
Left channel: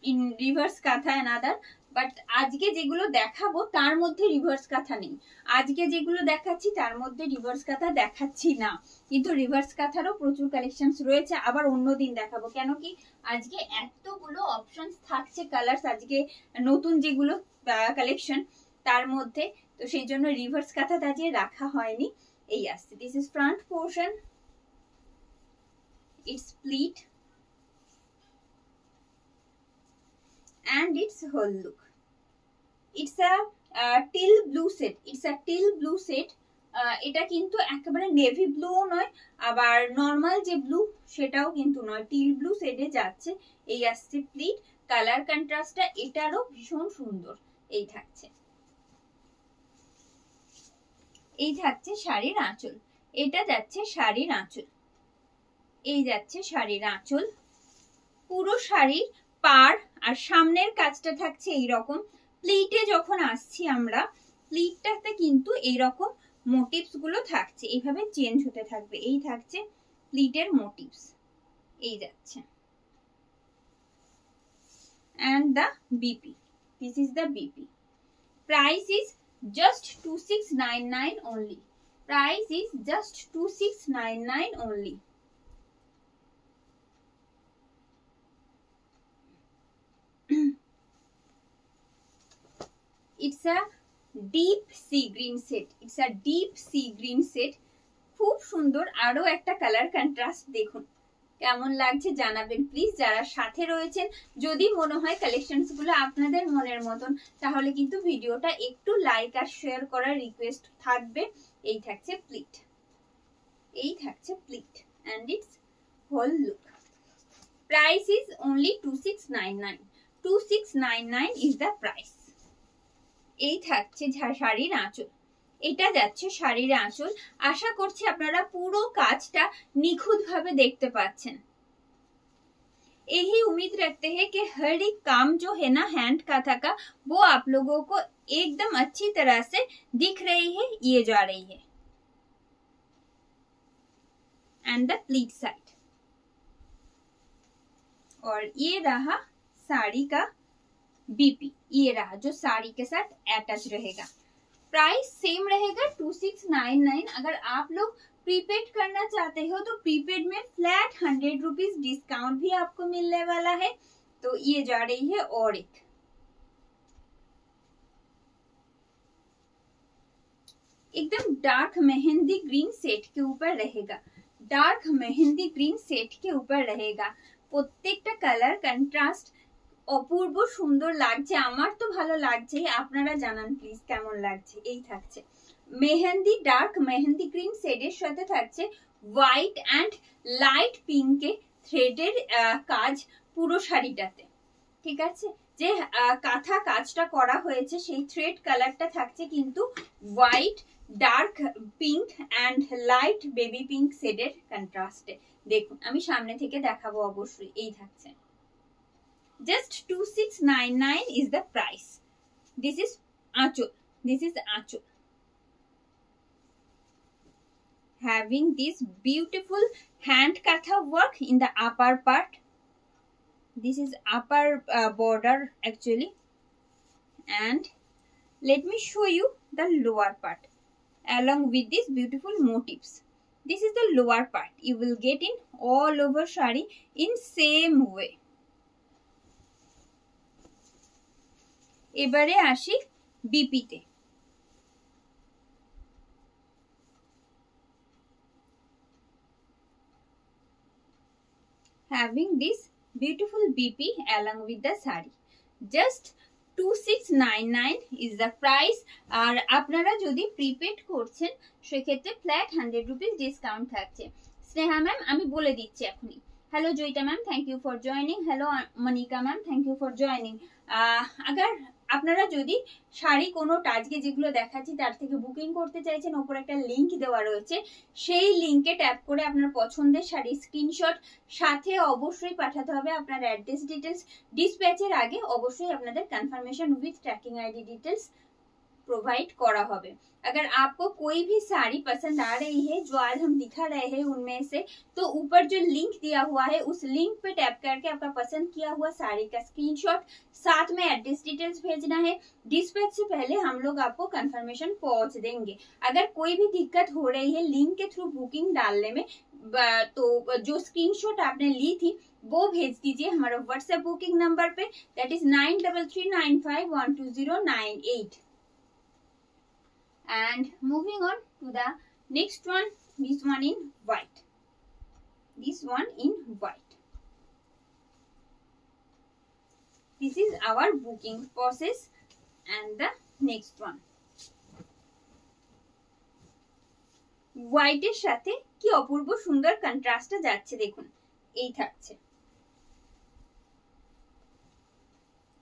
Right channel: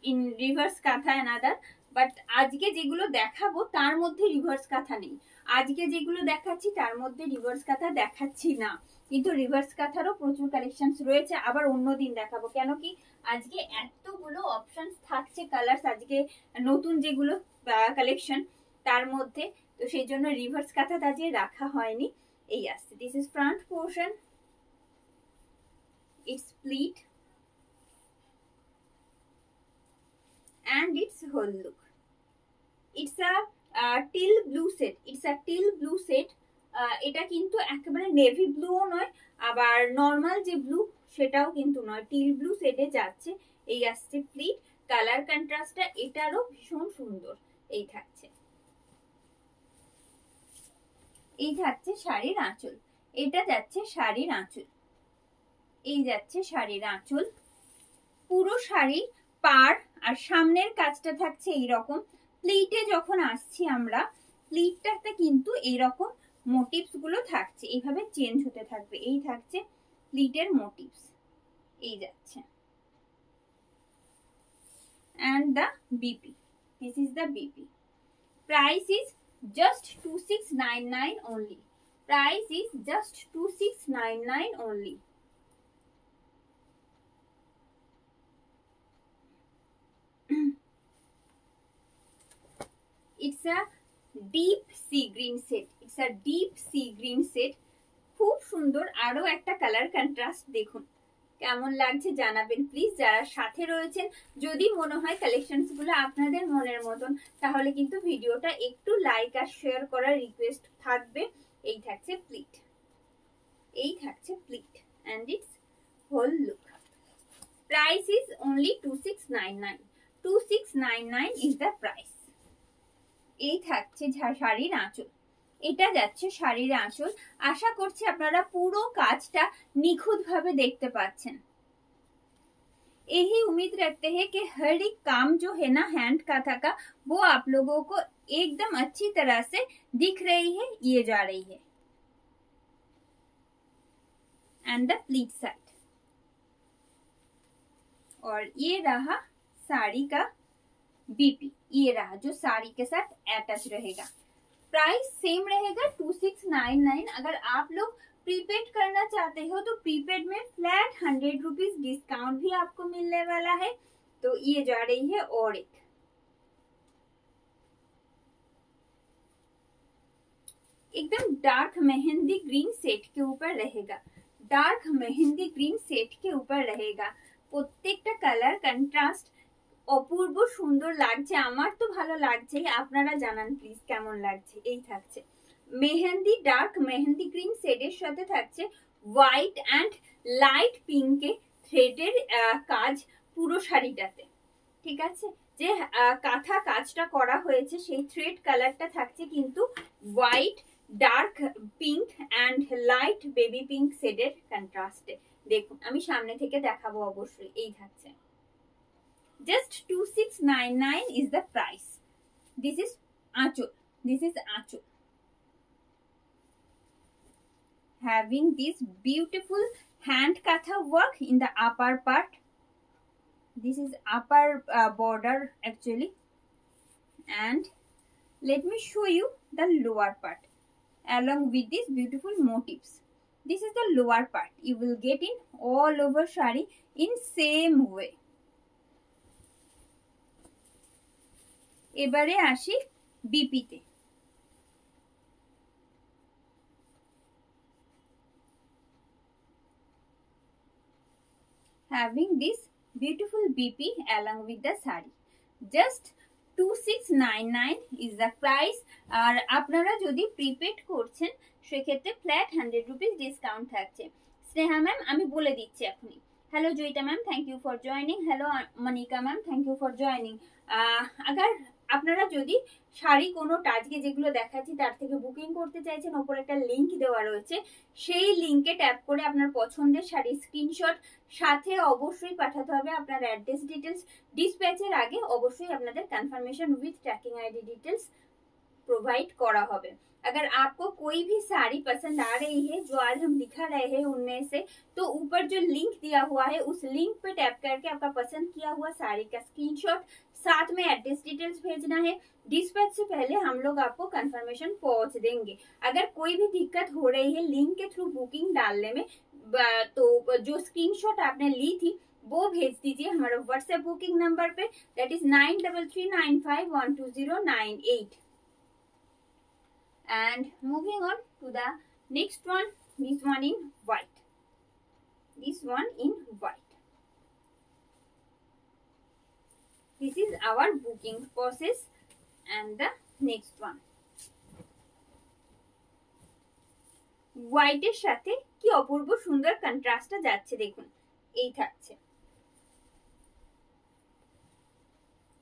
in reverse kantha another, but আজকে যেগুলো দেখাবো তার মধ্যে রিভার্স কাঁথা নেই। আজকে যেগুলো দেখাচ্ছি তার মধ্যে রিভার্স কাঁথা দেখাচ্ছি না, কিন্তু রিভার্স কাঁথারও প্রচুর কালেকশন রয়েছে। আবার অন্যদিন দেখাবো, কেন কি আজকে এতগুলো অপশন থাকছে কালার্স, আজকে নতুন যেগুলো কালেকশন তার মধ্যে, তো সেই জন্য রিভার্স কাঁথা আজকে রাখা হয়নি। এই আসছে, this is front portion, it's pleat and its whole look. It's a teal blue set. It's a teal blue set. এটা কিন্তু একেবারে নেভি ব্লুও নয়, আবার নর্মাল যে ব্লু সেটাও কিন্তু নয়, টিল ব্লু শেডে যাচ্ছে। এই আসছে প্লিট, কালার কন্ট্রাস্টটা এটারও ভীষণ সুন্দর। এই থাকছে, এই থাকছে শাড়ির আঁচল, এটা যাচ্ছে শাড়ির আঁচল, এই যাচ্ছে শাড়ির আঁচল। পুরো শাড়ির পাড় আর সামনের কাজটা থাকছে এইরকম। প্লিটে যখন আসছি আমরা, প্লিটটাতে কিন্তু এইরকম মোটিভস গুলো থাকছে, এইভাবে চেঞ্জ হতে থাকবে। এই থাকছে প্লিটের মোটিভস, এই যাচ্ছে। and the BP, this is the BP. Price is just 2699 only. Price is just 2699 only. It's a deep sea green set. It's a deep sea green set. খুব সুন্দর, আরো একটা কালার কন্ট্রাস্ট দেখুন, কেমন লাগছে জানাবেন প্লিজ যারা সাথে রয়েছেন। যদি মনে হয় কালেকশনস গুলো আপনাদের মনের মতন, তাহলে কিন্তু ভিডিওটা একটু লাইক আর শেয়ার করার রিকোয়েস্ট থাকবে। এই থাকছে প্লিট, এই থাকছে pleat and its whole look. Price is only 2699. 2699 is the price. এই থাকছে শাড়ির আঁচল, এটা যাচ্ছে শাড়ির আঁচল। আশা করছি আপনারা পুরো কাজটা নিখুঁত ভাবে দেখতে পাচ্ছেন। यही उम्मीद रखते हैं कि हर एक काम जो है ना हैंड काथा का, वो आप लोगों को एकदम अच्छी तरह से दिख रही है, ये जा रही है। एंड द प्लीट साइड, और ये रहा साड़ी का बीपी, ये रहा जो साड़ी के साथ अटैच रहेगा। प्राइस सेम रहेगा 2699। अगर आप लोग प्रीपेड करना चाहते हो तो प्रीपेड में फ्लैट 100 रुपीज डिस्काउंट भी आपको मिलने वाला है। तो ये जा रही है और एक एकदम डार्क मेहंदी ग्रीन सेट के ऊपर रहेगा, डार्क मेहंदी ग्रीन सेट के ऊपर रहेगा। প্রত্যেকটা কালার কন্ট্রাস্ট অপূর্ব সুন্দর লাগছে, আমার তো ভালো লাগছে, আপনারা জানান প্লিজ কেমন লাগছে। এই থাকছে মেহেন্দি, ডার্ক মেহেন্দি গ্রিন শেডের সাথে থাকছে হোয়াইট অ্যান্ড লাইট পিঙ্কে থ্রেডের কাজ পুরো শাড়িটাতে, ঠিক আছে। যে কাঁথা কাজটা করা হয়েছে সেই থ্রেড কালারটা থাকছে কিন্তু white, dark pink and light baby pink শেডের কন্ট্রাস্টে। দেখুন আমি সামনে থেকে দেখাবো অবশ্যই। এই থাকছে just 2699 is the price. This is achol, this is achol, having this beautiful hand katha work in the upper part. This is upper border actually, and let me show you the lower part along with these beautiful motifs. This is the lower part, you will get in all over shari in same way. এবারে আসি বিপিতে। having this beautiful BP along with the sari, just 2699 is the price. আর আপনারা যদি prepaid করছেন সেক্ষেত্রে flat 100 rupees discount থাকছে। Sneha ma'am আমি বলে দিচ্ছি এখনই। Hello Joita ma'am, thank you for joining. Hello Manika ma'am, thank you for joining. अगर আপনারা যদি শাড়ি কোনোটা আজকে যেগুলো দেখাচ্ছি তার থেকে বুকিং করতে চাইছেন, ওপরে একটা লিংক দেওয়া রয়েছে, সেই লিংকে ট্যাপ করে আপনার পছন্দের শাড়ির স্ক্রিনশট সাথে অবশ্যই পাঠাতে হবে আপনার অ্যাড্রেস ডিটেলস। ডিসপ্যাচের আগে অবশ্যই আপনাদের confirmation with tracking ID details provide करा होगा। अगर आपको कोई भी साड़ी पसंद आ रही है जो आज हम दिखा रहे हैं उनमें से, तो ऊपर जो लिंक दिया हुआ है उस लिंक पे टैप करके आपका पसंद किया हुआ साड़ी का स्क्रीनशॉट साथ में एड्रेस डिटेल्स भेजना है। डिस्पैच से पहले हम लोग आपको कंफर्मेशन पहुंच देंगे। अगर कोई भी दिक्कत हो रही है लिंक के थ्रू बुकिंग डालने में, तो जो स्क्रीनशॉट आपने ली थी वो भेज दीजिए हमारे व्हाट्सएप बुकिंग नंबर पे, that is 9339512098। And moving on to the next one, this one in white, this one in white. This is our booking process and the next one. white এর সাথে কি অপূর্ব সুন্দর কন্ট্রাস্টটা যাচ্ছে দেখুন। এই থাকছে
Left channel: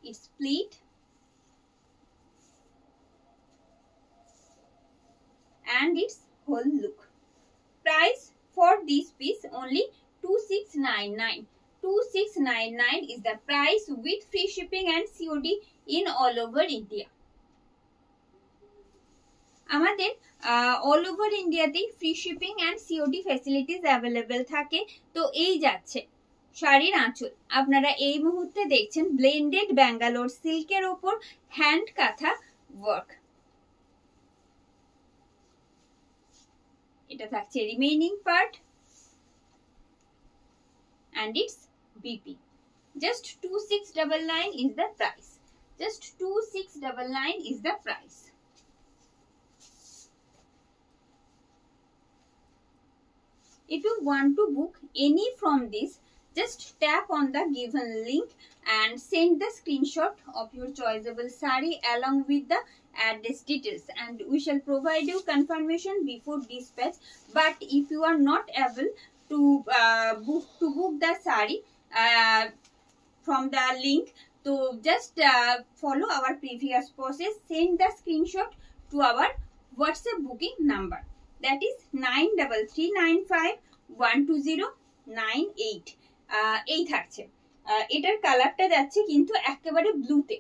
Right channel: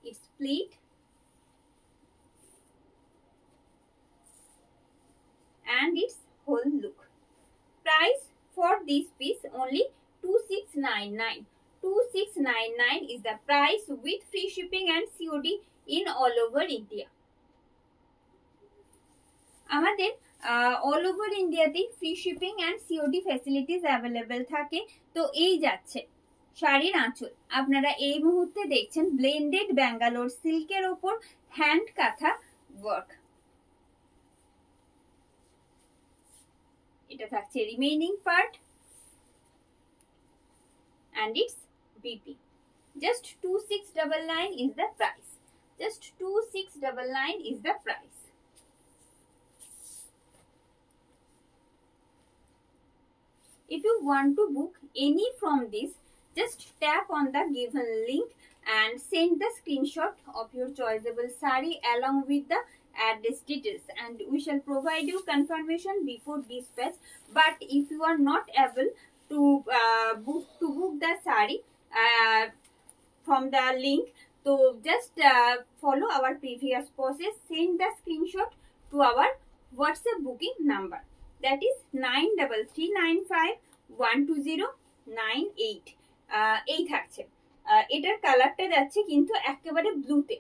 it's split and its whole look. Price for this piece only 2699. 2699 is the price with free shipping and COD in all over India. আমাদের all over ইন্ডিয়াতে free shipping and COD facilities available থাকে। তো এই যাচ্ছে শাড়ির আঁচল, আপনারা এই মুহূর্তে দেখছেন ব্লেন্ডেড ব্যাঙ্গালোর সিল্কের ওপর হ্যান্ড কাঁথা ওয়ার্ক। এটা থাকছে remaining part and its BP. Just 2699 is the price. Just 2699 is the price. If you want to book any from this, just tap on the given link and send the screenshot of your choiceable saree along with the address details, and we shall provide you confirmation before dispatch. But if you are not able to book the saree from the link, so just follow our previous process, send the screenshot to our WhatsApp booking number, that is 9395120998। এই থাকছে এটার কালারটা যাচ্ছে কিন্তু একেবারে ব্লুতে।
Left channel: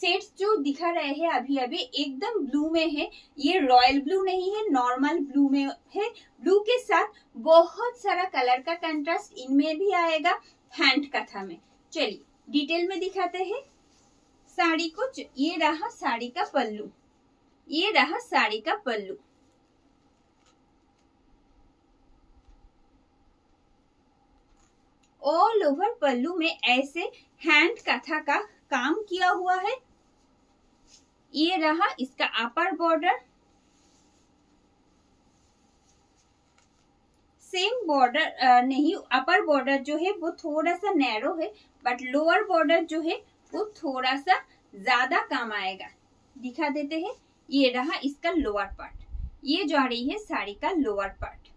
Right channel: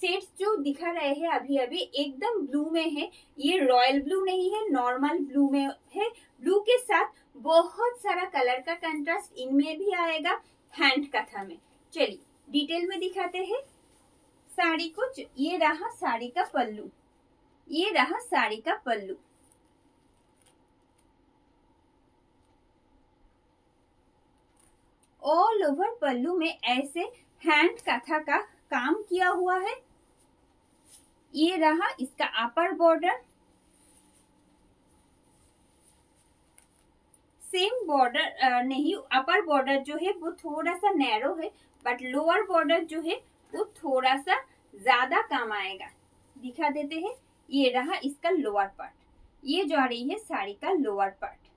Sets जो दिखा रहे हैं अभी अभी एकदम ब्लू में है, ये रॉयल ब्लू नहीं है, नॉर्मल ब्लू में है। ब्लू के साथ बहुत सारा कलर का कंट्रास्ट इनमें भी आएगा हैंड कथा में। चलिए डिटेल में दिखाते हैं साड़ी को। ये रहा साड़ी का पल्लू, ये रहा साड़ी का पल्लू। ऑल ओवर पल्लू में ऐसे हैंड कथा का काम किया हुआ है। ये रहा इसका अपर बॉर्डर, सेम बॉर्डर नहीं, अपर बॉर्डर जो है वो थोड़ा सा नैरो है, बट लोअर बॉर्डर जो है वो थोड़ा सा ज्यादा काम आएगा। दिखा देते हैं, ये रहा इसका लोअर पार्ट, ये जा रही है साड़ी का lower part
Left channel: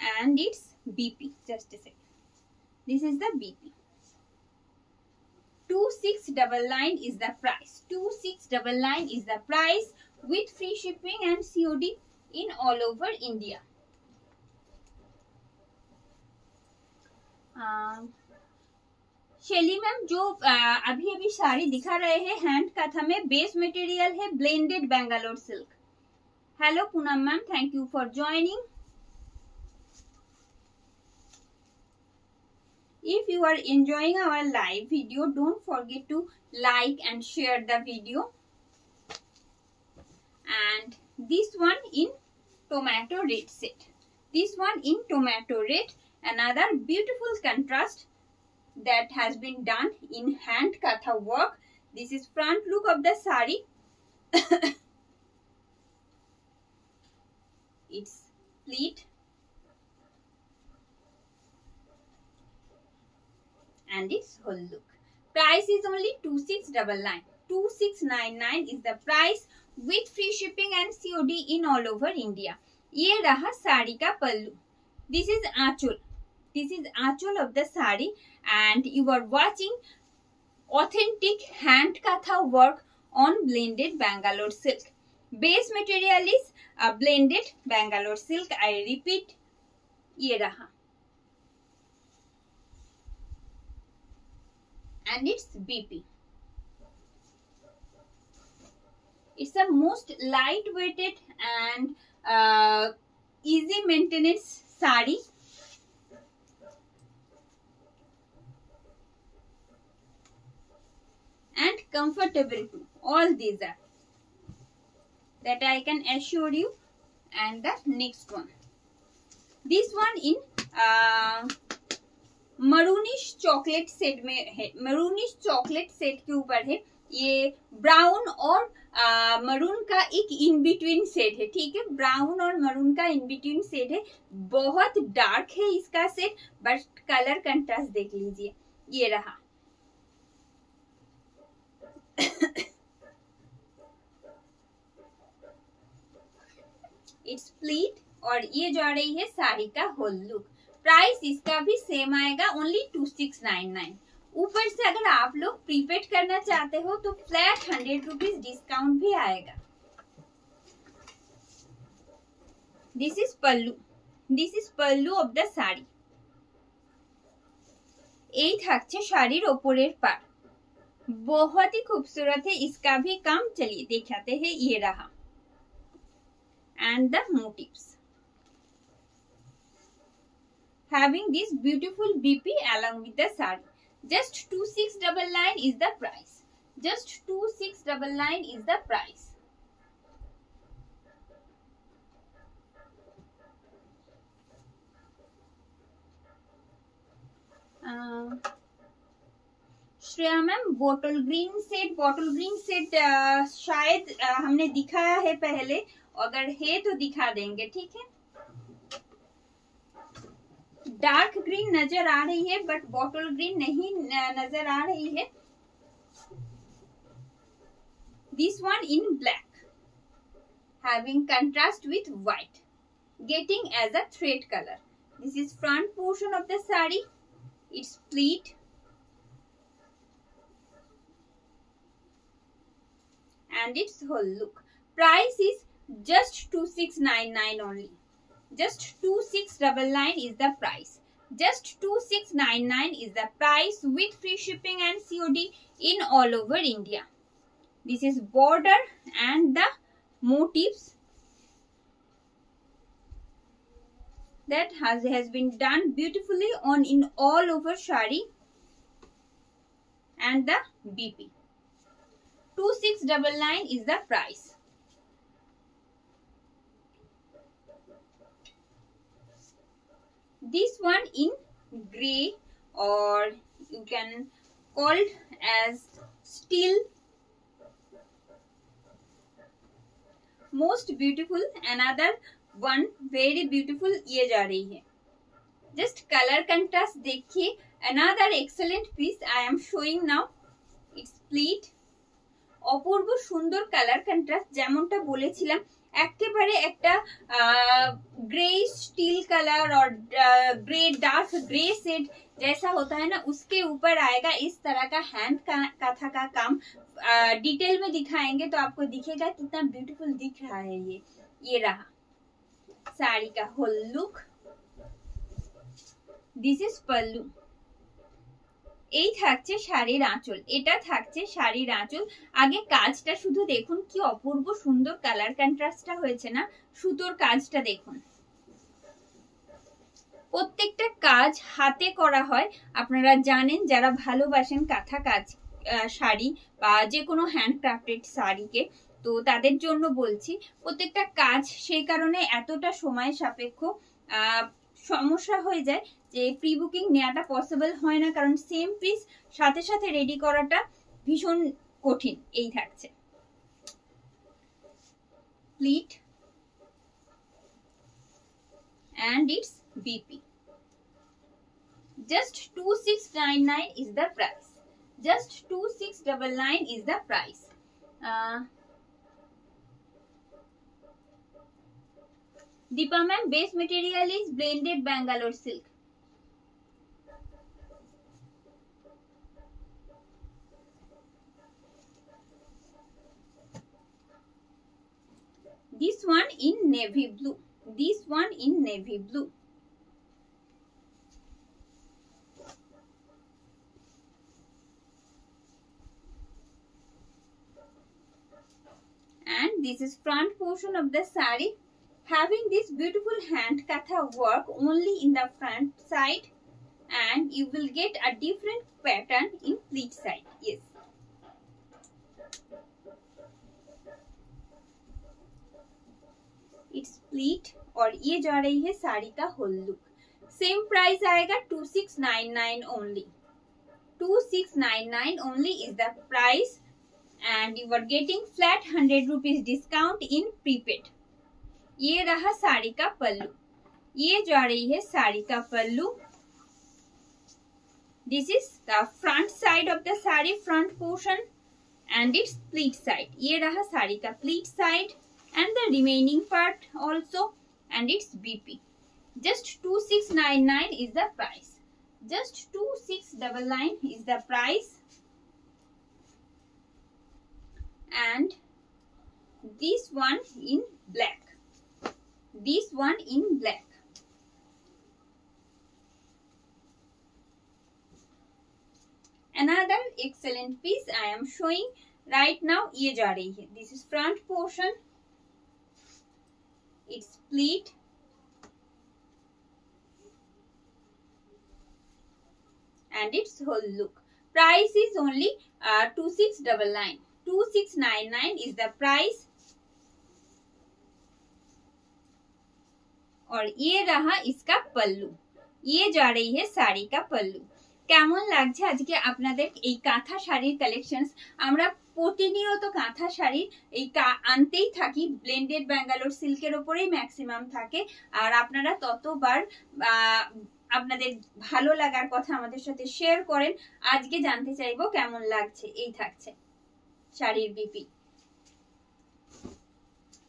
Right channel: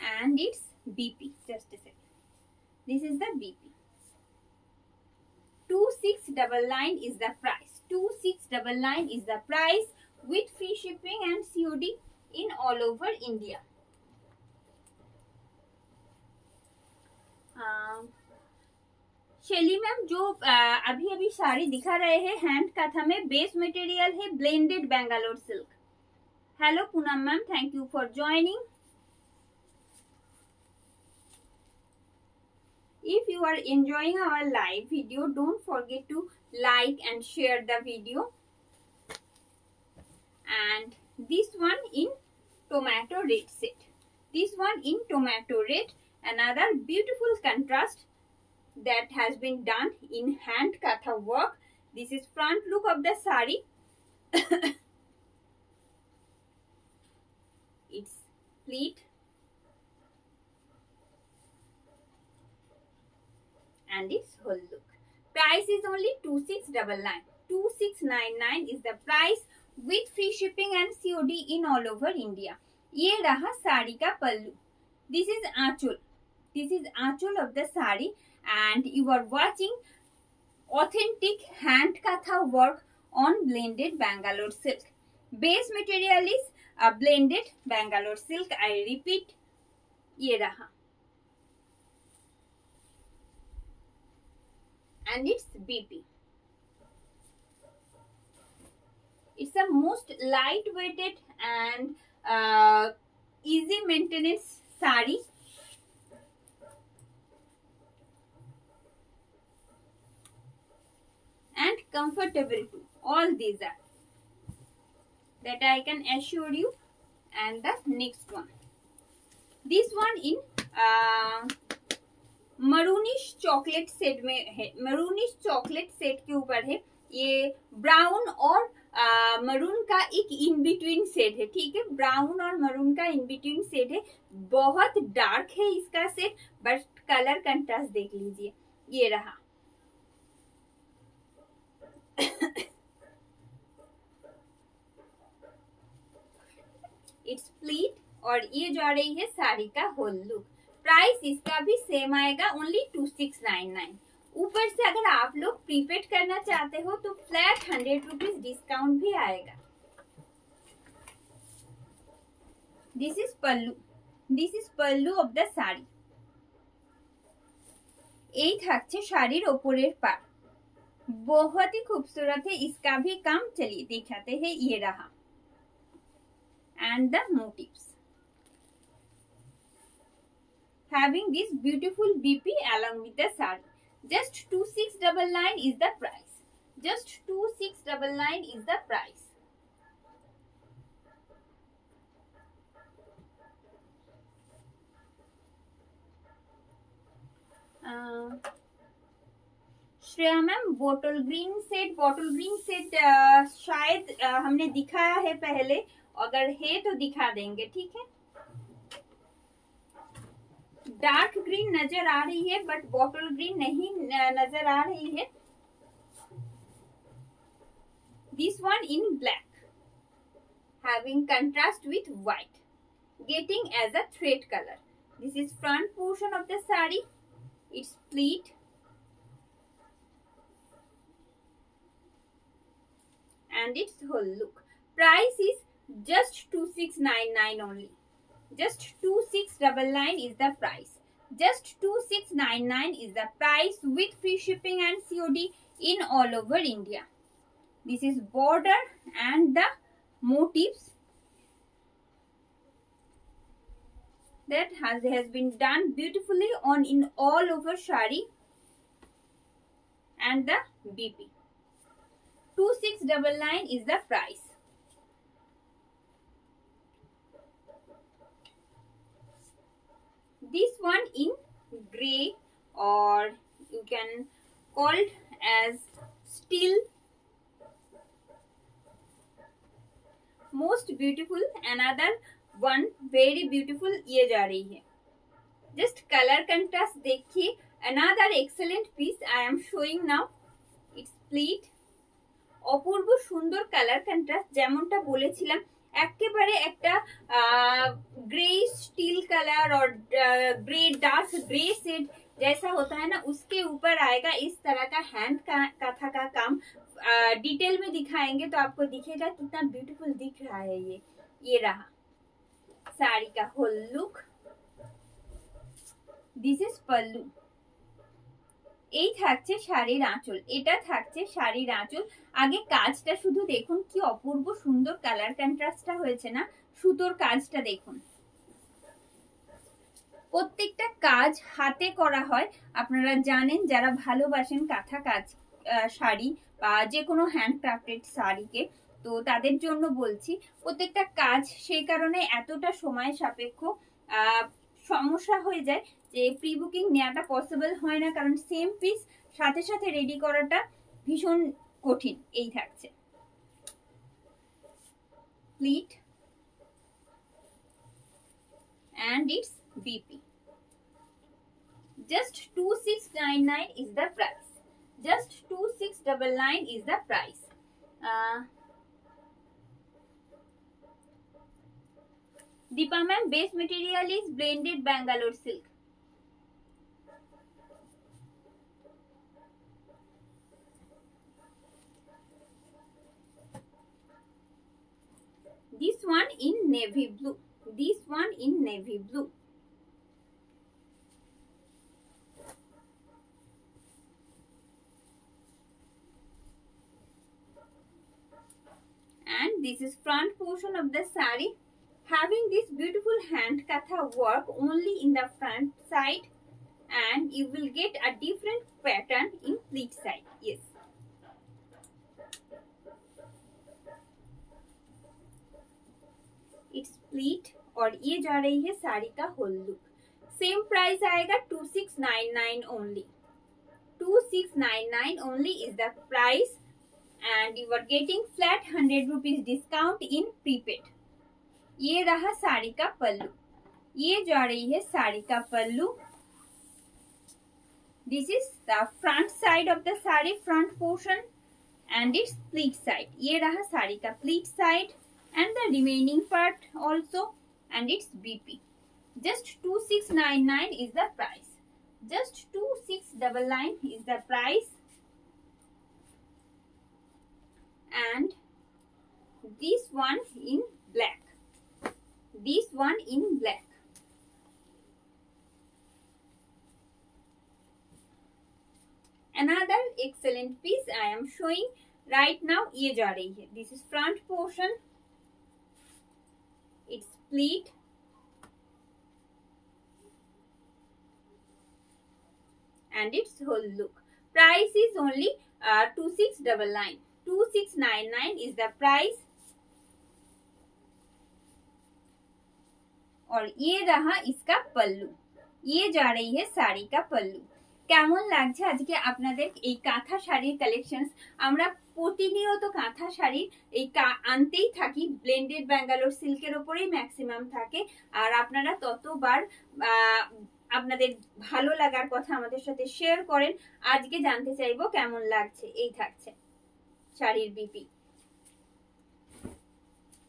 and it's BP. Just a second, this is the BP. 2699 is the price. 2699 is the price with free shipping and COD in all over India. Shelly ma'am, जो अभी अभी साड़ी दिखा रहे हैं हैंड कथा में, बेस मटेरियल है blended Bangalore silk. Hello Poonam ma'am, thank you for joining. If you are enjoying our live video, don't forget to like and share the video. And this one in tomato red set. This one in tomato red, another beautiful contrast that has been done in hand katha work. This is front look of the sari. It's pleat and its whole look. Price is only 2699. 2699 is the price with free shipping and COD in all over India. ये रहा साड़ी का pallu. This is anchal. This is anchal of the sari, and you are watching authentic hand katha work on blended Bangalore silk. Base material is a blended Bangalore silk. I repeat, ये रहा. And it's BP. It's a most lightweighted and easy maintenance sari. And comfortable too. All these are. That I can assure you. And the next one. This one in maroonish chocolate set में है। Maroonish chocolate set के ऊपर है। ये brown और maroon का एक in between set है। ठीक है, ब्राउन और मरून का इन बिटवीन सेट है। बहुत डार्क है इसका सेट, बट कलर कंट्रास्ट देख लीजिए, ये रहा। इट्स प्लीट और ये जा रही है साड़ी का होल लुक। प्राइस इसका भी सेम आएगा, ओनली 2699। ऊपर से अगर आप लोग प्रीपेड करना चाहते हो तो फ्लैट 100 रुपीज डिस्काउंट भी आएगा। This is pallu. This is pallu of the sari. এই থাকছে শাড়ির ওপরের পার, बहुत ही खूबसूरत है इसका भी काम। चलिए दिखाते हैं, ये रहा and the motives having this beautiful BP along with the sari. Just 2699 is the price. Just 2699 is the price. Shreya ma'am, bottle green set शायद हमने दिखाया है पहले, अगर है तो दिखा देंगे। ठीक है, डार्क ग्रीन नजर आ रही है बट बॉटल ग्रीन नहीं नजर आ रही है। This one in black having contrast with white, getting as a thread colour. This is front portion of the sari. It's pleat and it's whole look. Price is just 2699 only. Just 2699 is the price. Just 2699 is the price with free shipping and COD in all over India. This is border and the motifs that has been done beautifully on in all over shari and the BP. 2699 is the price. This one in grey, or you can call it as steel. Most beautiful, another one very beautiful ये जा रही है। Just colour contrast देखिए, another excellent piece I am showing now. It's pleat, অপূর্ব সুন্দর colour contrast, যেমনটা বলেছিলাম একেবারে একটা ग्रे स्टील कलर और ग्रे डार्क ग्रे शेड जैसा होता है ना, उसके ऊपर आएगा इस तरह का हैंड काथा का काम। डिटेल में दिखाएंगे तो आपको दिखेगा कितना ब्यूटीफुल दिख रहा है। ये रहा साड़ी का होल लुक। दिस इज पल्लू। এই থাকছে শাড়ির আঁচল, এটা থাকছে শাড়ির আঁচল। আগে কাজটা শুধু দেখুন, কি অপূর্ব সুন্দর কালার কন্ট্রাস্টটা হয়েছে না, সুতোর কাজটা দেখুন। প্রত্যেকটা কাজ হাতে করা হয়, আপনারা জানেন যারা ভালোবাসেন কাঁথা কাজ শাড়ি বা যে কোনো হ্যান্ডক্রাফটেড শাড়িকে, তো তাদের জন্য বলছি প্রত্যেকটা কাজ সেই কারণে এতটা সময় সাপেক্ষ, সমস্যা হয়ে যায় যে প্রি বুকিং নেওয়াটা পসিবল হয় না, কারণ সেম পিস সাথে সাথে রেডি করাটা ভীষণ কঠিন। এই থাকছে pleat and its BP. Just 2699 is the price. Just 2699 is the price. Deepa ma'am, base material is blended Bangalore silk. This one in navy blue. This one in navy blue. And this is front portion of the saree, having this beautiful hand katha work only in the front side, and you will get a different pattern in pleat side. Yes, it's pleat और ये जा रही है साड़ी का whole look. Same price आएगा 2699 only. 2699 only is the price, and you are getting flat 100 rupees discount in prepaid. ये रहा साड़ी का पल्लू, ये जा रही है साड़ी का pallu. This is the front side of the sari, front portion, and it's pleat side. ये रहा साड़ी का pleat side and the remaining part also, and its BP. Just 2699 is the price. Just 2699 is the price. And this one in black. This one in black. Another excellent piece I am showing right now. ये जा रही है। This is front portion. It's pleat and its whole look. Price is only 2699. 2699 is the price. और ये रहा इसका पल्लू, ये जा रही है साड़ी का पल्लू। কেমন লাগছে আজকে আপনাদের এই কাঁথা শাড়ির কালেকশনস? আমরা প্রতিনিয়ত কাঁথা শাড়ি এই আনতেই থাকি, ব্লেন্ডেড ব্যাঙ্গালোর সিল্কের ওপরেই ম্যাক্সিমাম থাকে, আর আপনারা ততবার আপনাদের ভালো লাগার কথা আমাদের সাথে শেয়ার করেন। আজকে জানতে চাইবো কেমন লাগছে। এই থাকছে শাড়ির BP.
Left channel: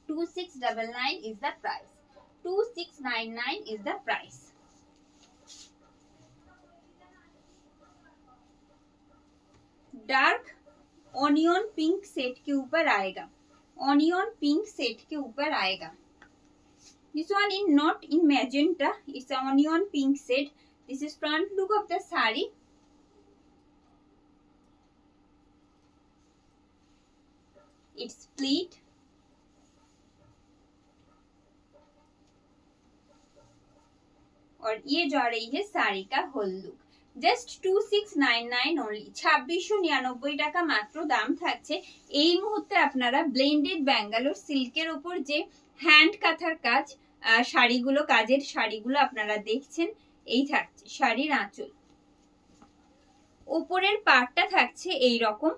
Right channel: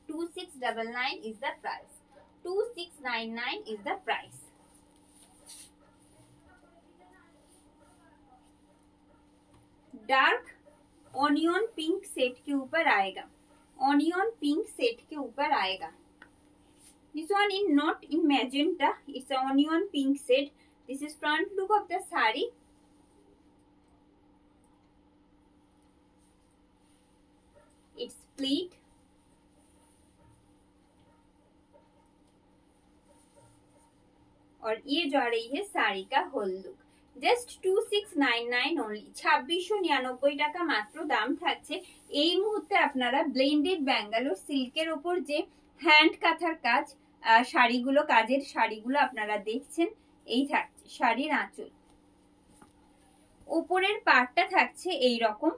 2699 is the price. 2699 is the price. Dark onion pink set के ऊपर आएगा, ऑनियन पिंक सेट के ऊपर आएगा। This one in not in magenta, it's onion pink set. This is front look of the sari. It's pleat और ये जा रही है साड़ी का होल लुक। জাস্ট 2699 অনলি, 2699 টাকা মাত্র দাম থাকছে। এই মুহূর্তে আপনারা ব্লেন্ডেড ব্যাঙ্গালোর সিল্কের উপর যে হ্যান্ড কাঁথার কাজ শাড়িগুলো, কাজের শাড়িগুলো আপনারা দেখছেন, এই থাকছে শাড়ির আঁচল। উপরের পার্টটা থাকছে এই রকম,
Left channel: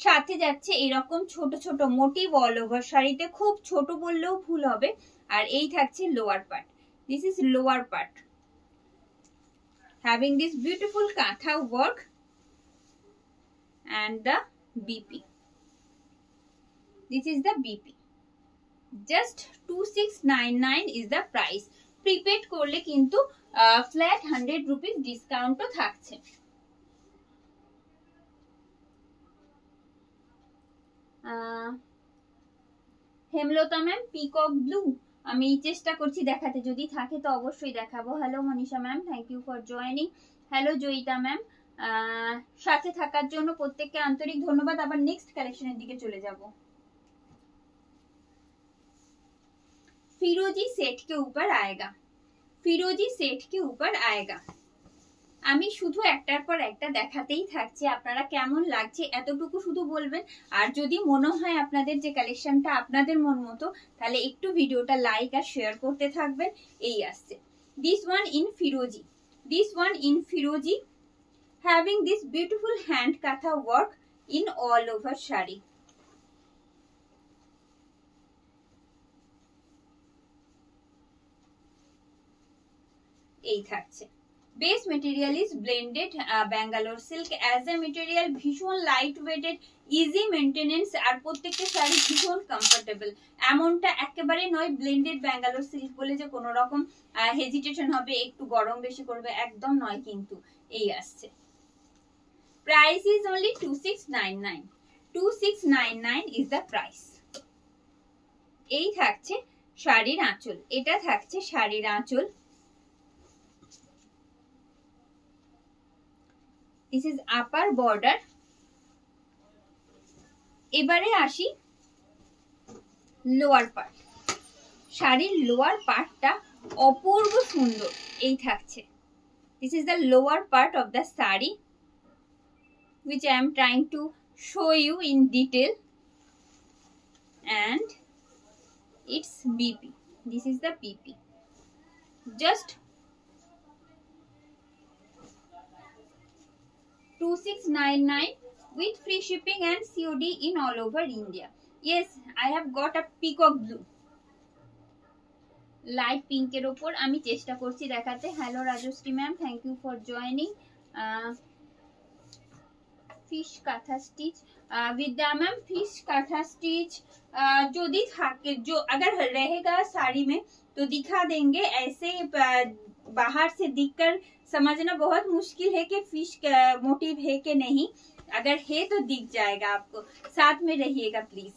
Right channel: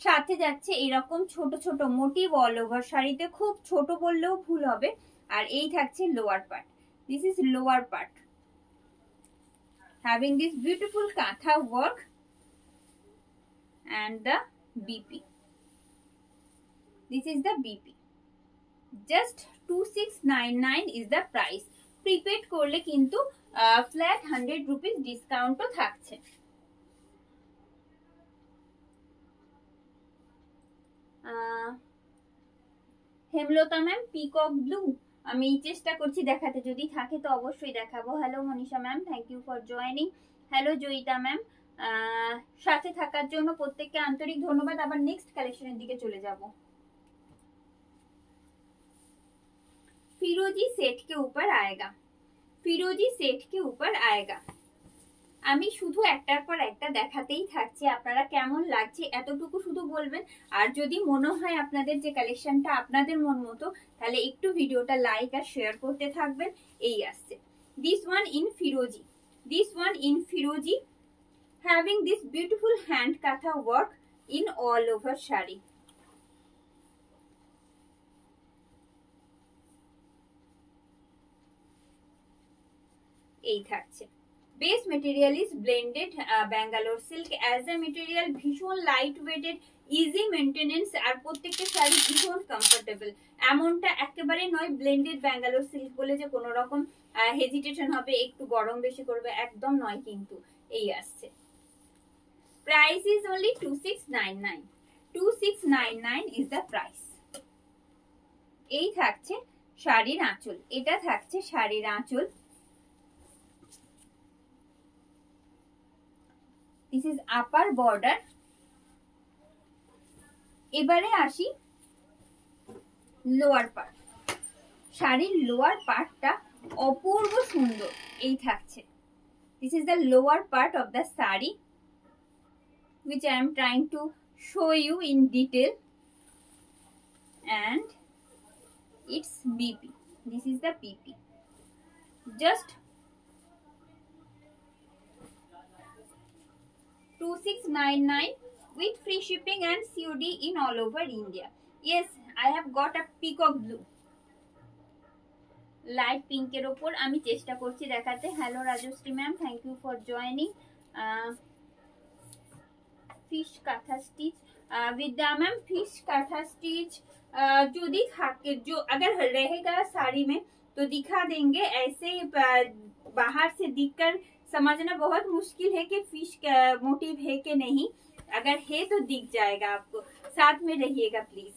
সাথে যাচ্ছে এরকম ছোট ছোট মোটিভ অল ওভার শাড়িতে, খুব ছোট বললেও ভুল হবে। আর এই থাকছে lower part, this is lower part, having this beautiful katha work and the BP. This is the BP. Just 2699 is the price. Prepaid করলে কিন্তু flat 100 rupees discount ও থাকছে। হেমলতা ম্যাম পিকক ব্লু, আমি চেষ্টা করছি দেখাতে, যদি থাকে তো অবশ্যই দেখাবো। Hello Manisha ma'am, thank you for joining. Hello Joyita ma'am, সাথে থাকার জন্য প্রত্যেককে আন্তরিক ধন্যবাদ। আবার নেক্সট কালেকশনের দিকে চলে যাব। फिरोजी सेट के ऊपर आएगा, फिरोजी सेट के ऊपर आएगा। আমি শুধু একটার পর একটা দেখাতেই থাকছি, আপনারা কেমন লাগছে এতটুকু শুধু বলবেন। আর যদি মনে হয় আপনাদের যে কালেকশনটা আপনাদের মন মতো, তাহলে একটু ভিডিওটা লাইক আর শেয়ার করতে থাকবেন। এই আসছে দিস ওয়ান ইন ফিরোজি, দিস ওয়ান ইন ফিরোজি, having this beautiful hand kantha work in all over sari. এই থাকছে। Base material is blended Bangalore silk as a material, ভীষণ লাইট ওয়েটেড, ইজি মেনটেনেন্স, আর প্রত্যেকটা শাড়ি ভীষণ কমফোর্টেবল। এমনটা একেবারে নয় ব্লেন্ডেড ব্যাঙ্গালোর সিল্ক বলে যে কোনো রকম হেজিটেশন হবে, একটু গরম বেশি করবে, একদম নয় কিন্তু। এই আসছে, price is only 2699, 2699 is the price. এই থাকছে শাড়ির আঁচল, এটা থাকছে শাড়ির আঁচল। This is upper border. এবারে আসি লোয়ার পার্ট, শাড়ির লোয়ার পার্টটা অপূর্ব সুন্দর। এই থাকছে, this is the lower part of the saree which I am trying to show you in detail, and its BP, this is the BP. Just 2699 with free shipping and COD in all over India. Yes, I have got a peacock blue, light pink এর উপর আমি চেষ্টা করছি দেখাতে। Hello Rajashree ma'am, thank you for joining. Fish kantha stitch, Vidya ma'am fish kantha stitch যদি থাকে, जो अगर रहेगा साड़ी में तो दिखा देंगे। ऐसे बाहर से दिखकर समझना बहुत मुश्किल है कि फिश मोटिव है कि नहीं, अगर है तो दिख जाएगा आपको। साथ में रहिएगा please.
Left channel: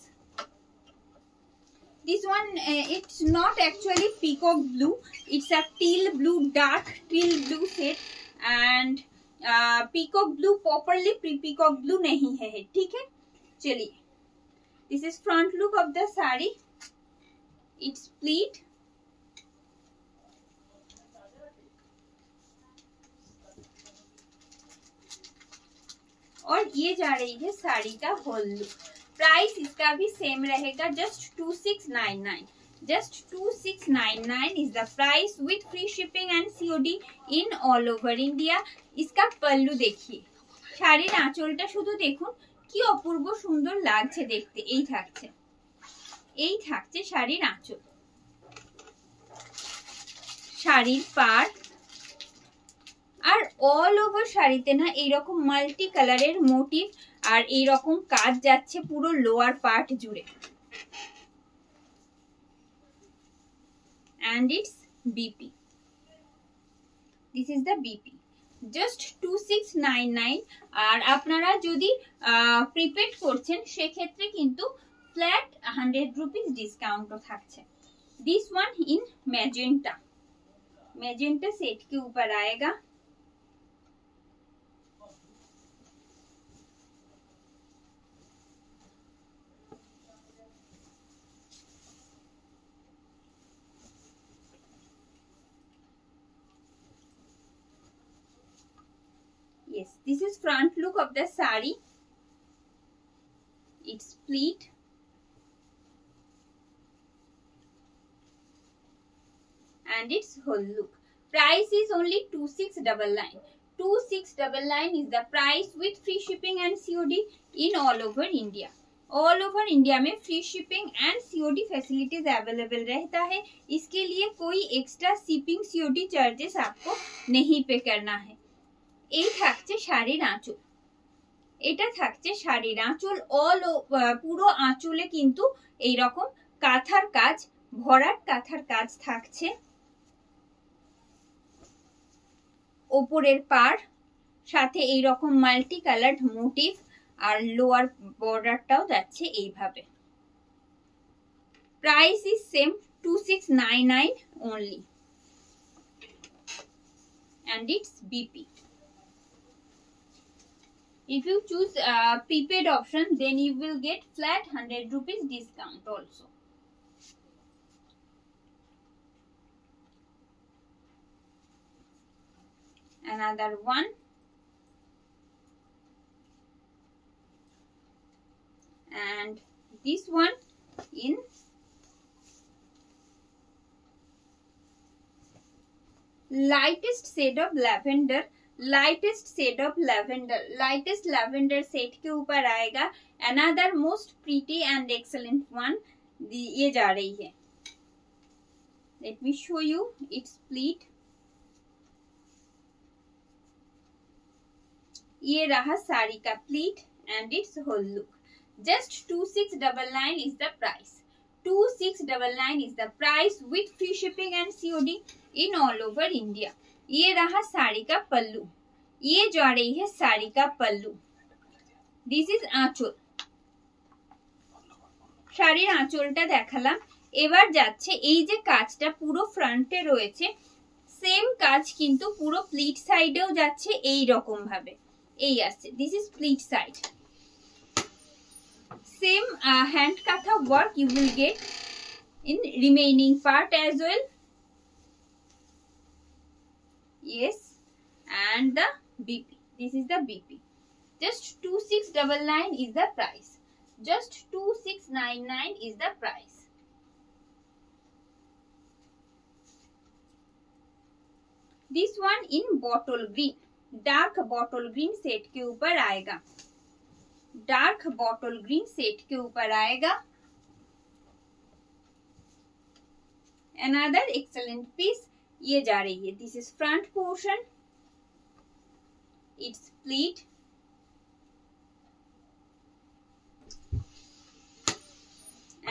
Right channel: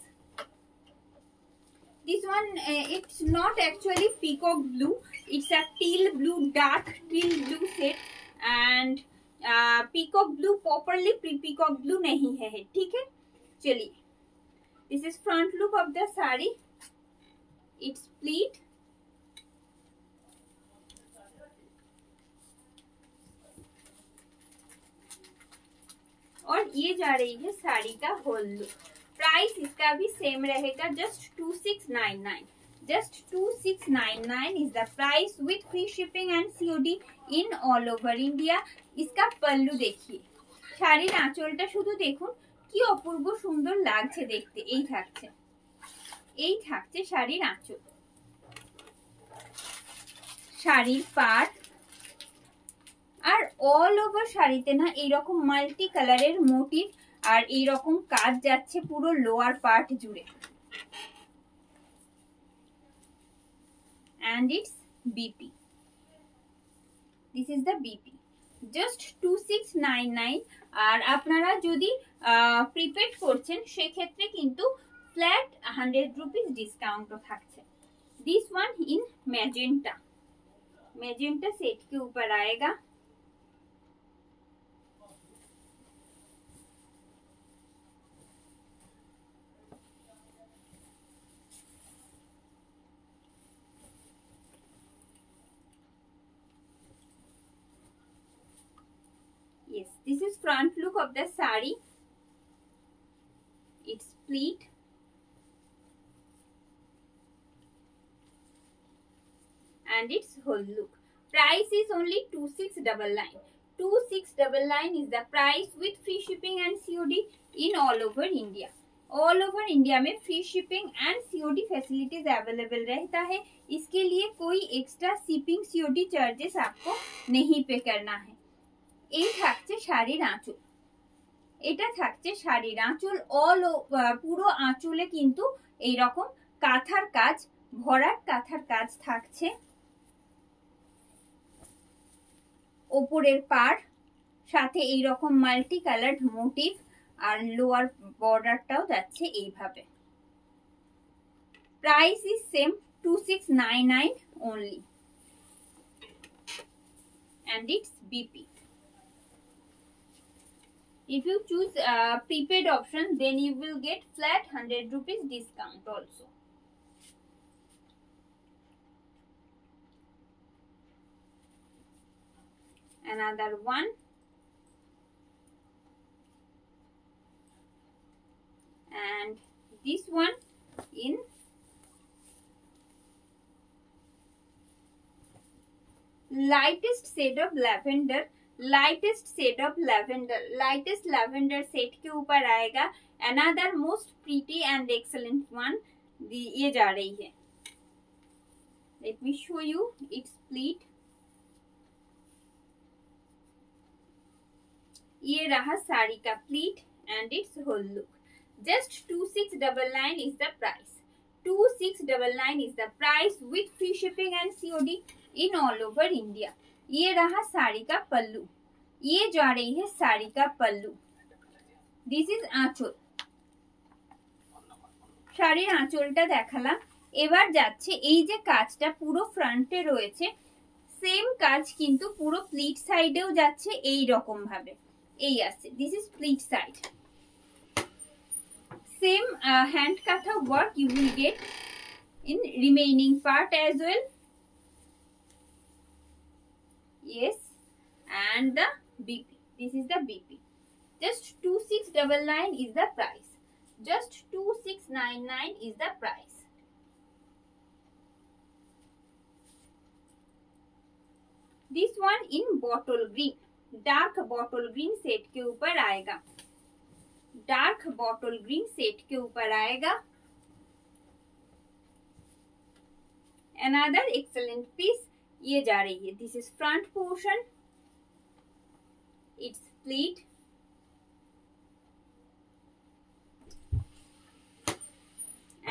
This one it's not actually peacock blue, it's a teal blue, dark teal blue set, and peacock blue properly peacock blue नहीं है, ठीक है। चलिए, this is front look of the saree, it's pleat, और ये जा रही है साड़ी का होल लुक। प्राइस इसका भी सेम रहेगा, just 2699, just 2699 is the price with free shipping and COD in all over India. इसका पल्लू देखिए, শাড়ির আঁচলটা শুধু দেখুন কি অপূর্ব সুন্দর লাগছে দেখতে। এই থাকছে, এই থাকছে শাড়ির আঁচল, শাড়ির পাড়, আর অল ওভার শাড়িতে না এইরকম মাল্টি কালারের মোটিভ আর এইরকম কাজ যাচ্ছে পুরো লোয়ার পার্ট জুড়ে। and its BP, this is the BP, just 2699। আর আপনারা যদি প্রিপেড করছেন সেক্ষেত্রে কিন্তু ফ্ল্যাট 100 রুপিস ডিসকাউন্টও থাকছে। This one in magenta, magenta set के ऊपर आएगा। Yes, this is front look of the saree, it's pleat, and its whole look. Price is only 2699, 2699 is the price with free shipping and COD in all over India. All over India में free shipping and COD facilities available रहता है। इसके लिए कोई extra shipping COD charges आपको नहीं पे करना है। এই থাকছে শাড়ির আঁচল, এটা থাকছে শাড়ির আঁচল। অল পুরো আঁচলে কিন্তু এই রকম কাঁথার কাজ, ভরাট কাঁথার কাজ থাকছে। ওপরের পাড় সাথে এই রকম মাল্টি কালার্ড মোটিভ আর লোয়ার বর্ডারটাও যাচ্ছে এইভাবে। Price is same 2699 only and it's BP. If you choose prepaid option, then you will get flat 100 rupees discount also. Another one. And this one in lightest shade of lavender, lightest shade of lavender, lightest lavender shade के ऊपर आएगा। Another most pretty and excellent one ये जा रही है। Let me show you its pleat. ये रहा साड़ी का pleat and its whole look. Just 2699 is the price. 2699 is the price with free shipping and COD in all over India. ये रहा साड़ी का पल्लू, ये जा रही है साड़ी का पल्लू। This is आंचल, শাড়ির আঁচলটা দেখালাম। এবার যাচ্ছে এই যে কাজটা পুরো ফ্রন্টে রয়েছে, সেম কাজ কিন্তু পুরো প্লিট সাইডেও যাচ্ছে এই রকম ভাবে, এই আসছে। This is pleat side. Same hand katha work you will get in remaining part as well. Yes, and the BP. This is the BP. Just 2699 is the price. Just 2699 is the price. This one in bottle green, dark bottle green set के ऊपर आएगा, dark bottle green set के ऊपर आएगा। Another excellent piece ये जा रही है। This is front portion, its pleat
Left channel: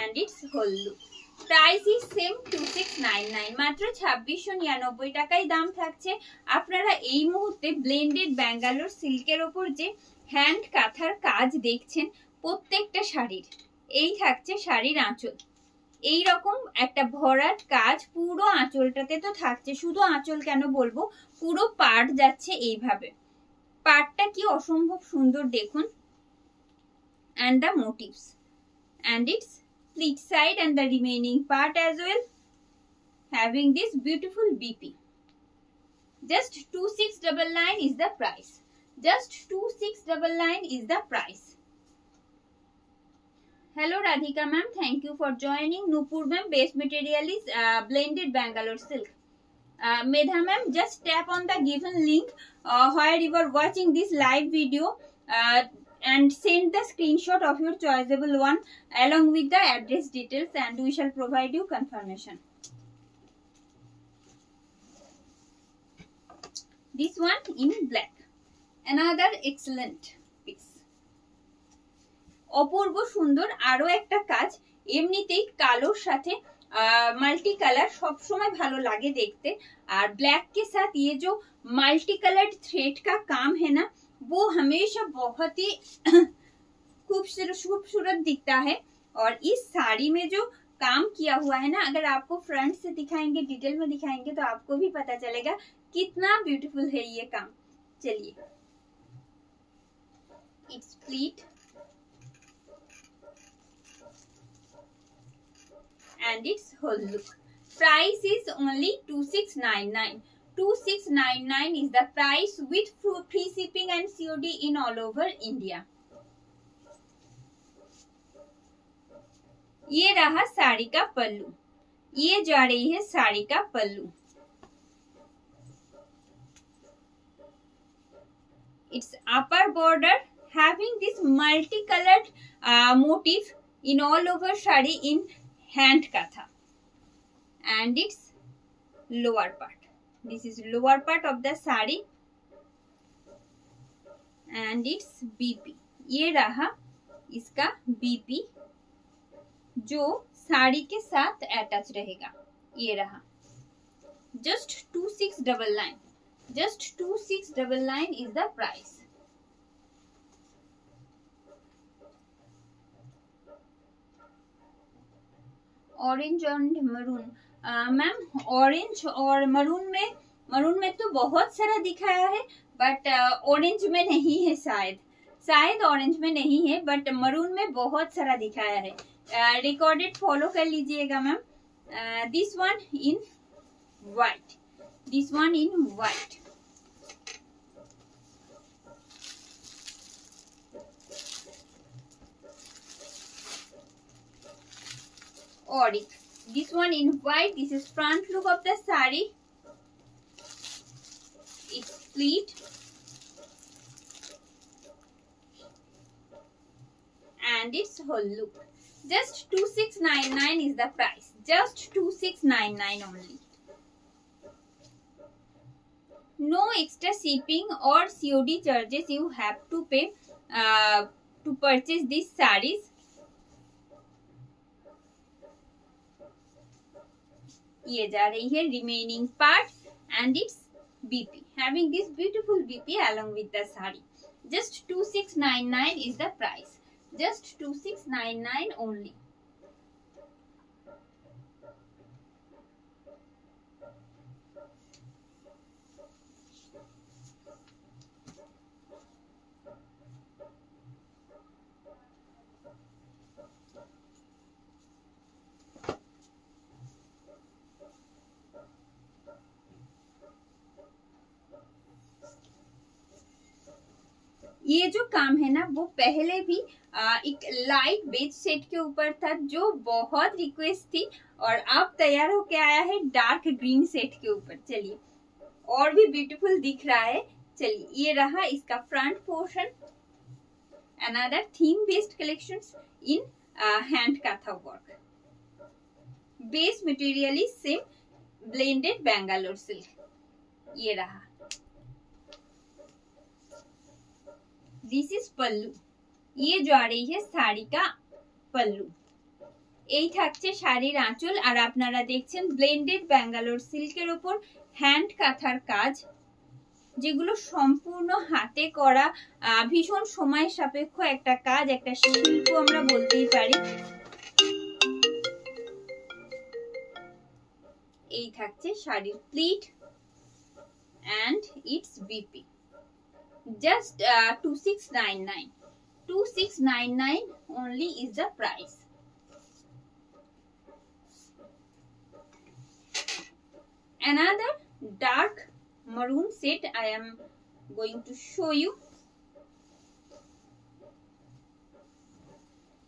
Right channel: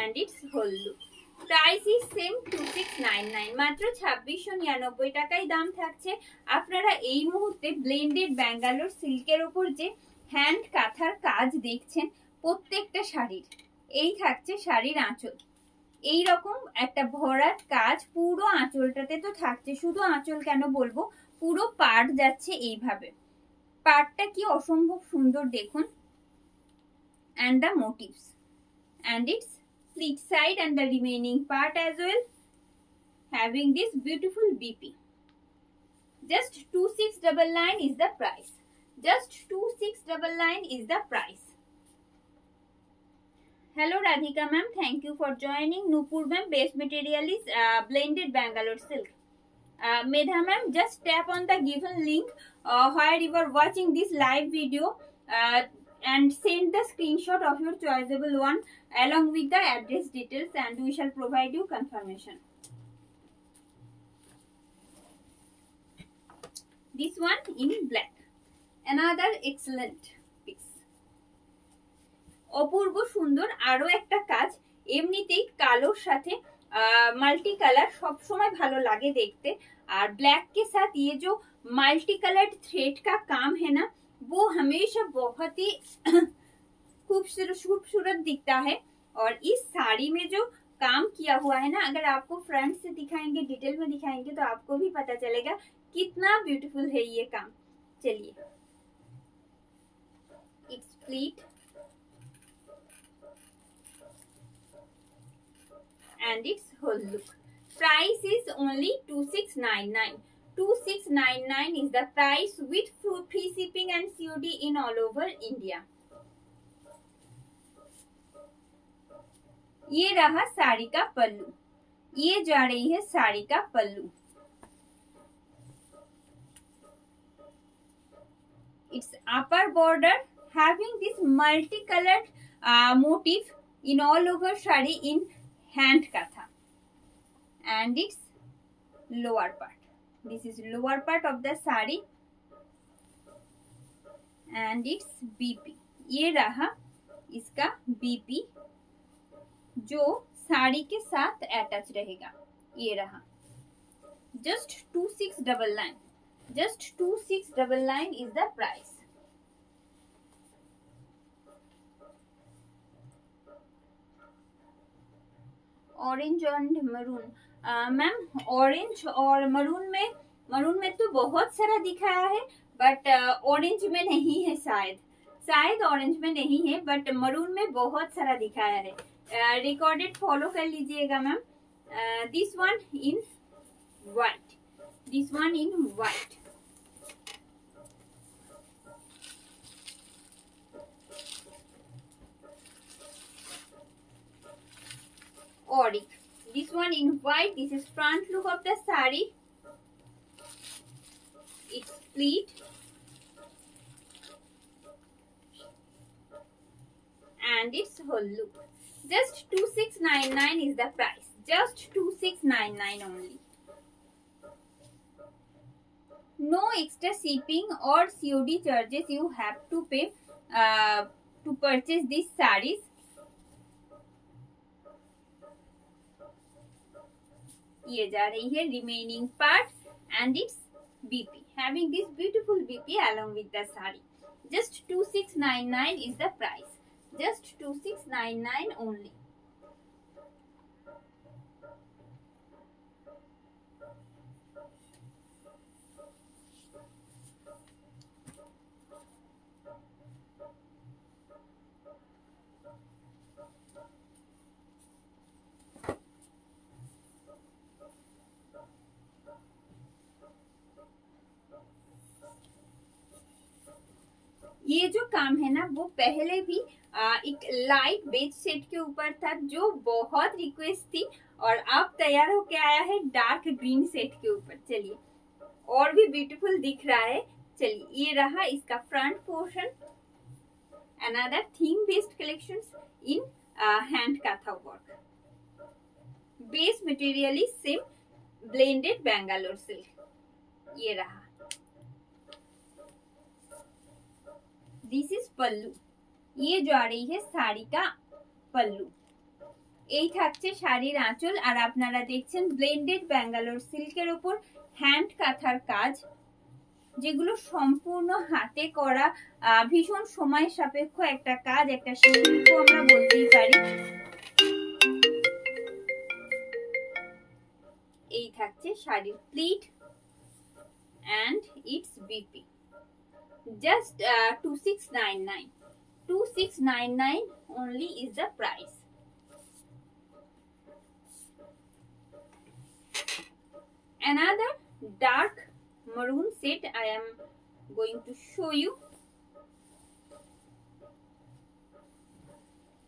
and its whole look. Price is same 2699, মাত্র 2699 টাকায় দাম থাকছে। আপনারা এই মুহূর্তে ব্লেন্ডেড ব্যাঙ্গালোর সিল্কের ওপর যে হ্যান্ড কাঁথার কাজ দেখছেন প্রত্যেকটা শাড়ির, এই থাকছে শাড়ির আঁচল। এই রকম একটা ভরাট কাজ পুরো আঁচলটাতে তো থাকছে। শুধু আঁচল কেন বলবো, পুরো পাট যাচ্ছে এইভাবে। পাটটা কি অসম্ভব সুন্দর দেখুন। and the motifs and its pleat side and the remaining part as well having this beautiful BP. Just 2699 is the price. Just 2699 is the price. Hello Radhika ma'am, thank you for joining. Nupur ma'am, base material is blended Bangalore silk. Medha ma'am, just tap on the given link where you are watching this live video and send the screenshot of your choiceable one along with the address details and we shall provide you confirmation. This one in black. Another excellent piece. অপূর্ব সুন্দর আরো একটা কাজ। এমনিতেই কালোর সাথে multi colour सब समय भालो लागे देखते, और ब्लैक के साथ ये जो मल्टी कलर्ड थ्रेड का काम है ना, वो हमेशा बहुत ही खूबसूरत दिखता है। और इस साड़ी में जो काम किया हुआ है ना, अगर आपको फ्रंट से दिखाएंगे, डिटेल में दिखाएंगे तो आपको भी पता चलेगा कितना ब्यूटीफुल है ये काम। चलिए, it's pleat and its whole look. Price is only 2699. 2699 is the price with free shipping and COD in all over India. ये रहा साड़ी का पल्लू, ये जा रही है साड़ी का पल्लू। its upper border having this multicolored motif in all over shari in hand katha, and its lower part. This is lower part of the sari and its BP. ये रहा इसका BP जो साड़ी के साथ अटैच रहेगा. ये रहा. Just 2699. Just 2699 is the price. Orange and maroon. Ma'am orange और मरून में तो बहुत सारा दिखाया है, बट ऑरेंज में नहीं है. शायद ऑरेंज में नहीं है, बट मरून में बहुत सारा दिखाया है. रिकॉर्डेड फॉलो कर लीजिएगा ma'am. This one in white, this one in white. Auric, this one in white. This is front look of the sari. It's pleat and its whole look. Just 2699 is the price. Just 2699 only. No extra shipping or COD charges you have to pay to purchase these sarees. ये जा रही है remaining part and its BP, having this beautiful BP along with the saree. Just 2699 is the price. Just 2699 only. ये जो काम है ना वो पहले भी एक लाइट बेज सेट के ऊपर था जो बहुत रिक्वेस्ट थी, और अब तैयार होके आया है डार्क ग्रीन सेट के ऊपर. चलिए और भी ब्यूटीफुल दिख रहा है. चलिए ये रहा इसका front portion. Another theme based collections in hand kantha work. Base material is same blended Bangalore silk. ये रहा. This is pallu. ये जो आ रही है শাড়ি का पल्लू. এই থাকছে শাড়ির আঁচল, আর আপনারা দেখছেন ব্লেন্ডেড ব্যাঙ্গালোর সিল্কের উপর হ্যান্ড কাঁথার কাজ, যেগুলো সম্পূর্ণ হাতে করা, ভীষণ সময় সাপেক্ষ একটা কাজ, একটা শিল্প আমরা বলতেই পারি. এই থাকছে শাড়ির pleat and its BP. Just 2699. 2699 only is the price. Another dark maroon set I am going to show you.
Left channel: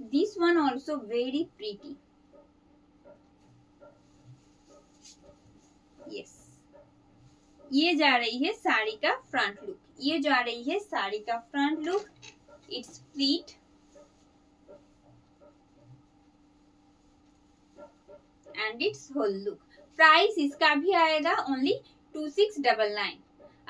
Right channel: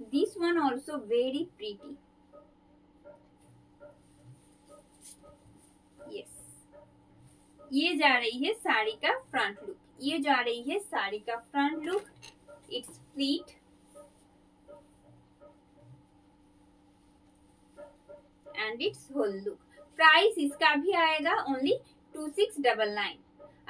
This one also very pretty. Yes. ये जा रही है साड़ी का फ्रंट लुक. ये जा रही है साड़ी का front look. It's pleat and it's whole look. Price इसका भी आएगा ओनली 2699.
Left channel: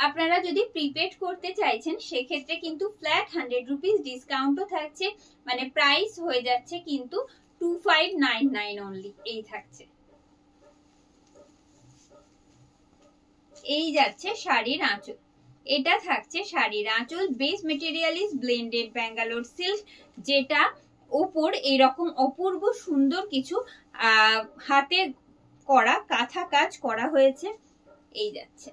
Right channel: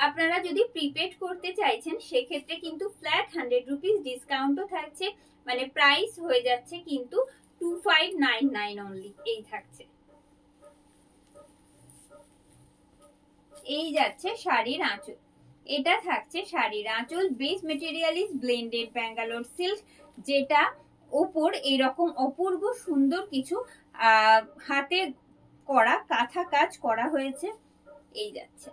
আপনারা যদি প্রিপেড করতে চাইছেন সেক্ষেত্রে কিন্তু ফ্ল্যাট 100 রুপিস ডিসকাউন্টও থাকছে, মানে প্রাইস হয়ে যাচ্ছে কিন্তু 2599 অনলি. এই থাকছে. এই যাচ্ছে শাড়ির আঁচল. এটা থাকছে শাড়ির আঁচল. Base material is blended Bangalore silk, যেটা উপর এইরকম অপূর্ব সুন্দর কিছু হাতে করা কাঁথা কাজ করা হয়েছে. এই যাচ্ছে.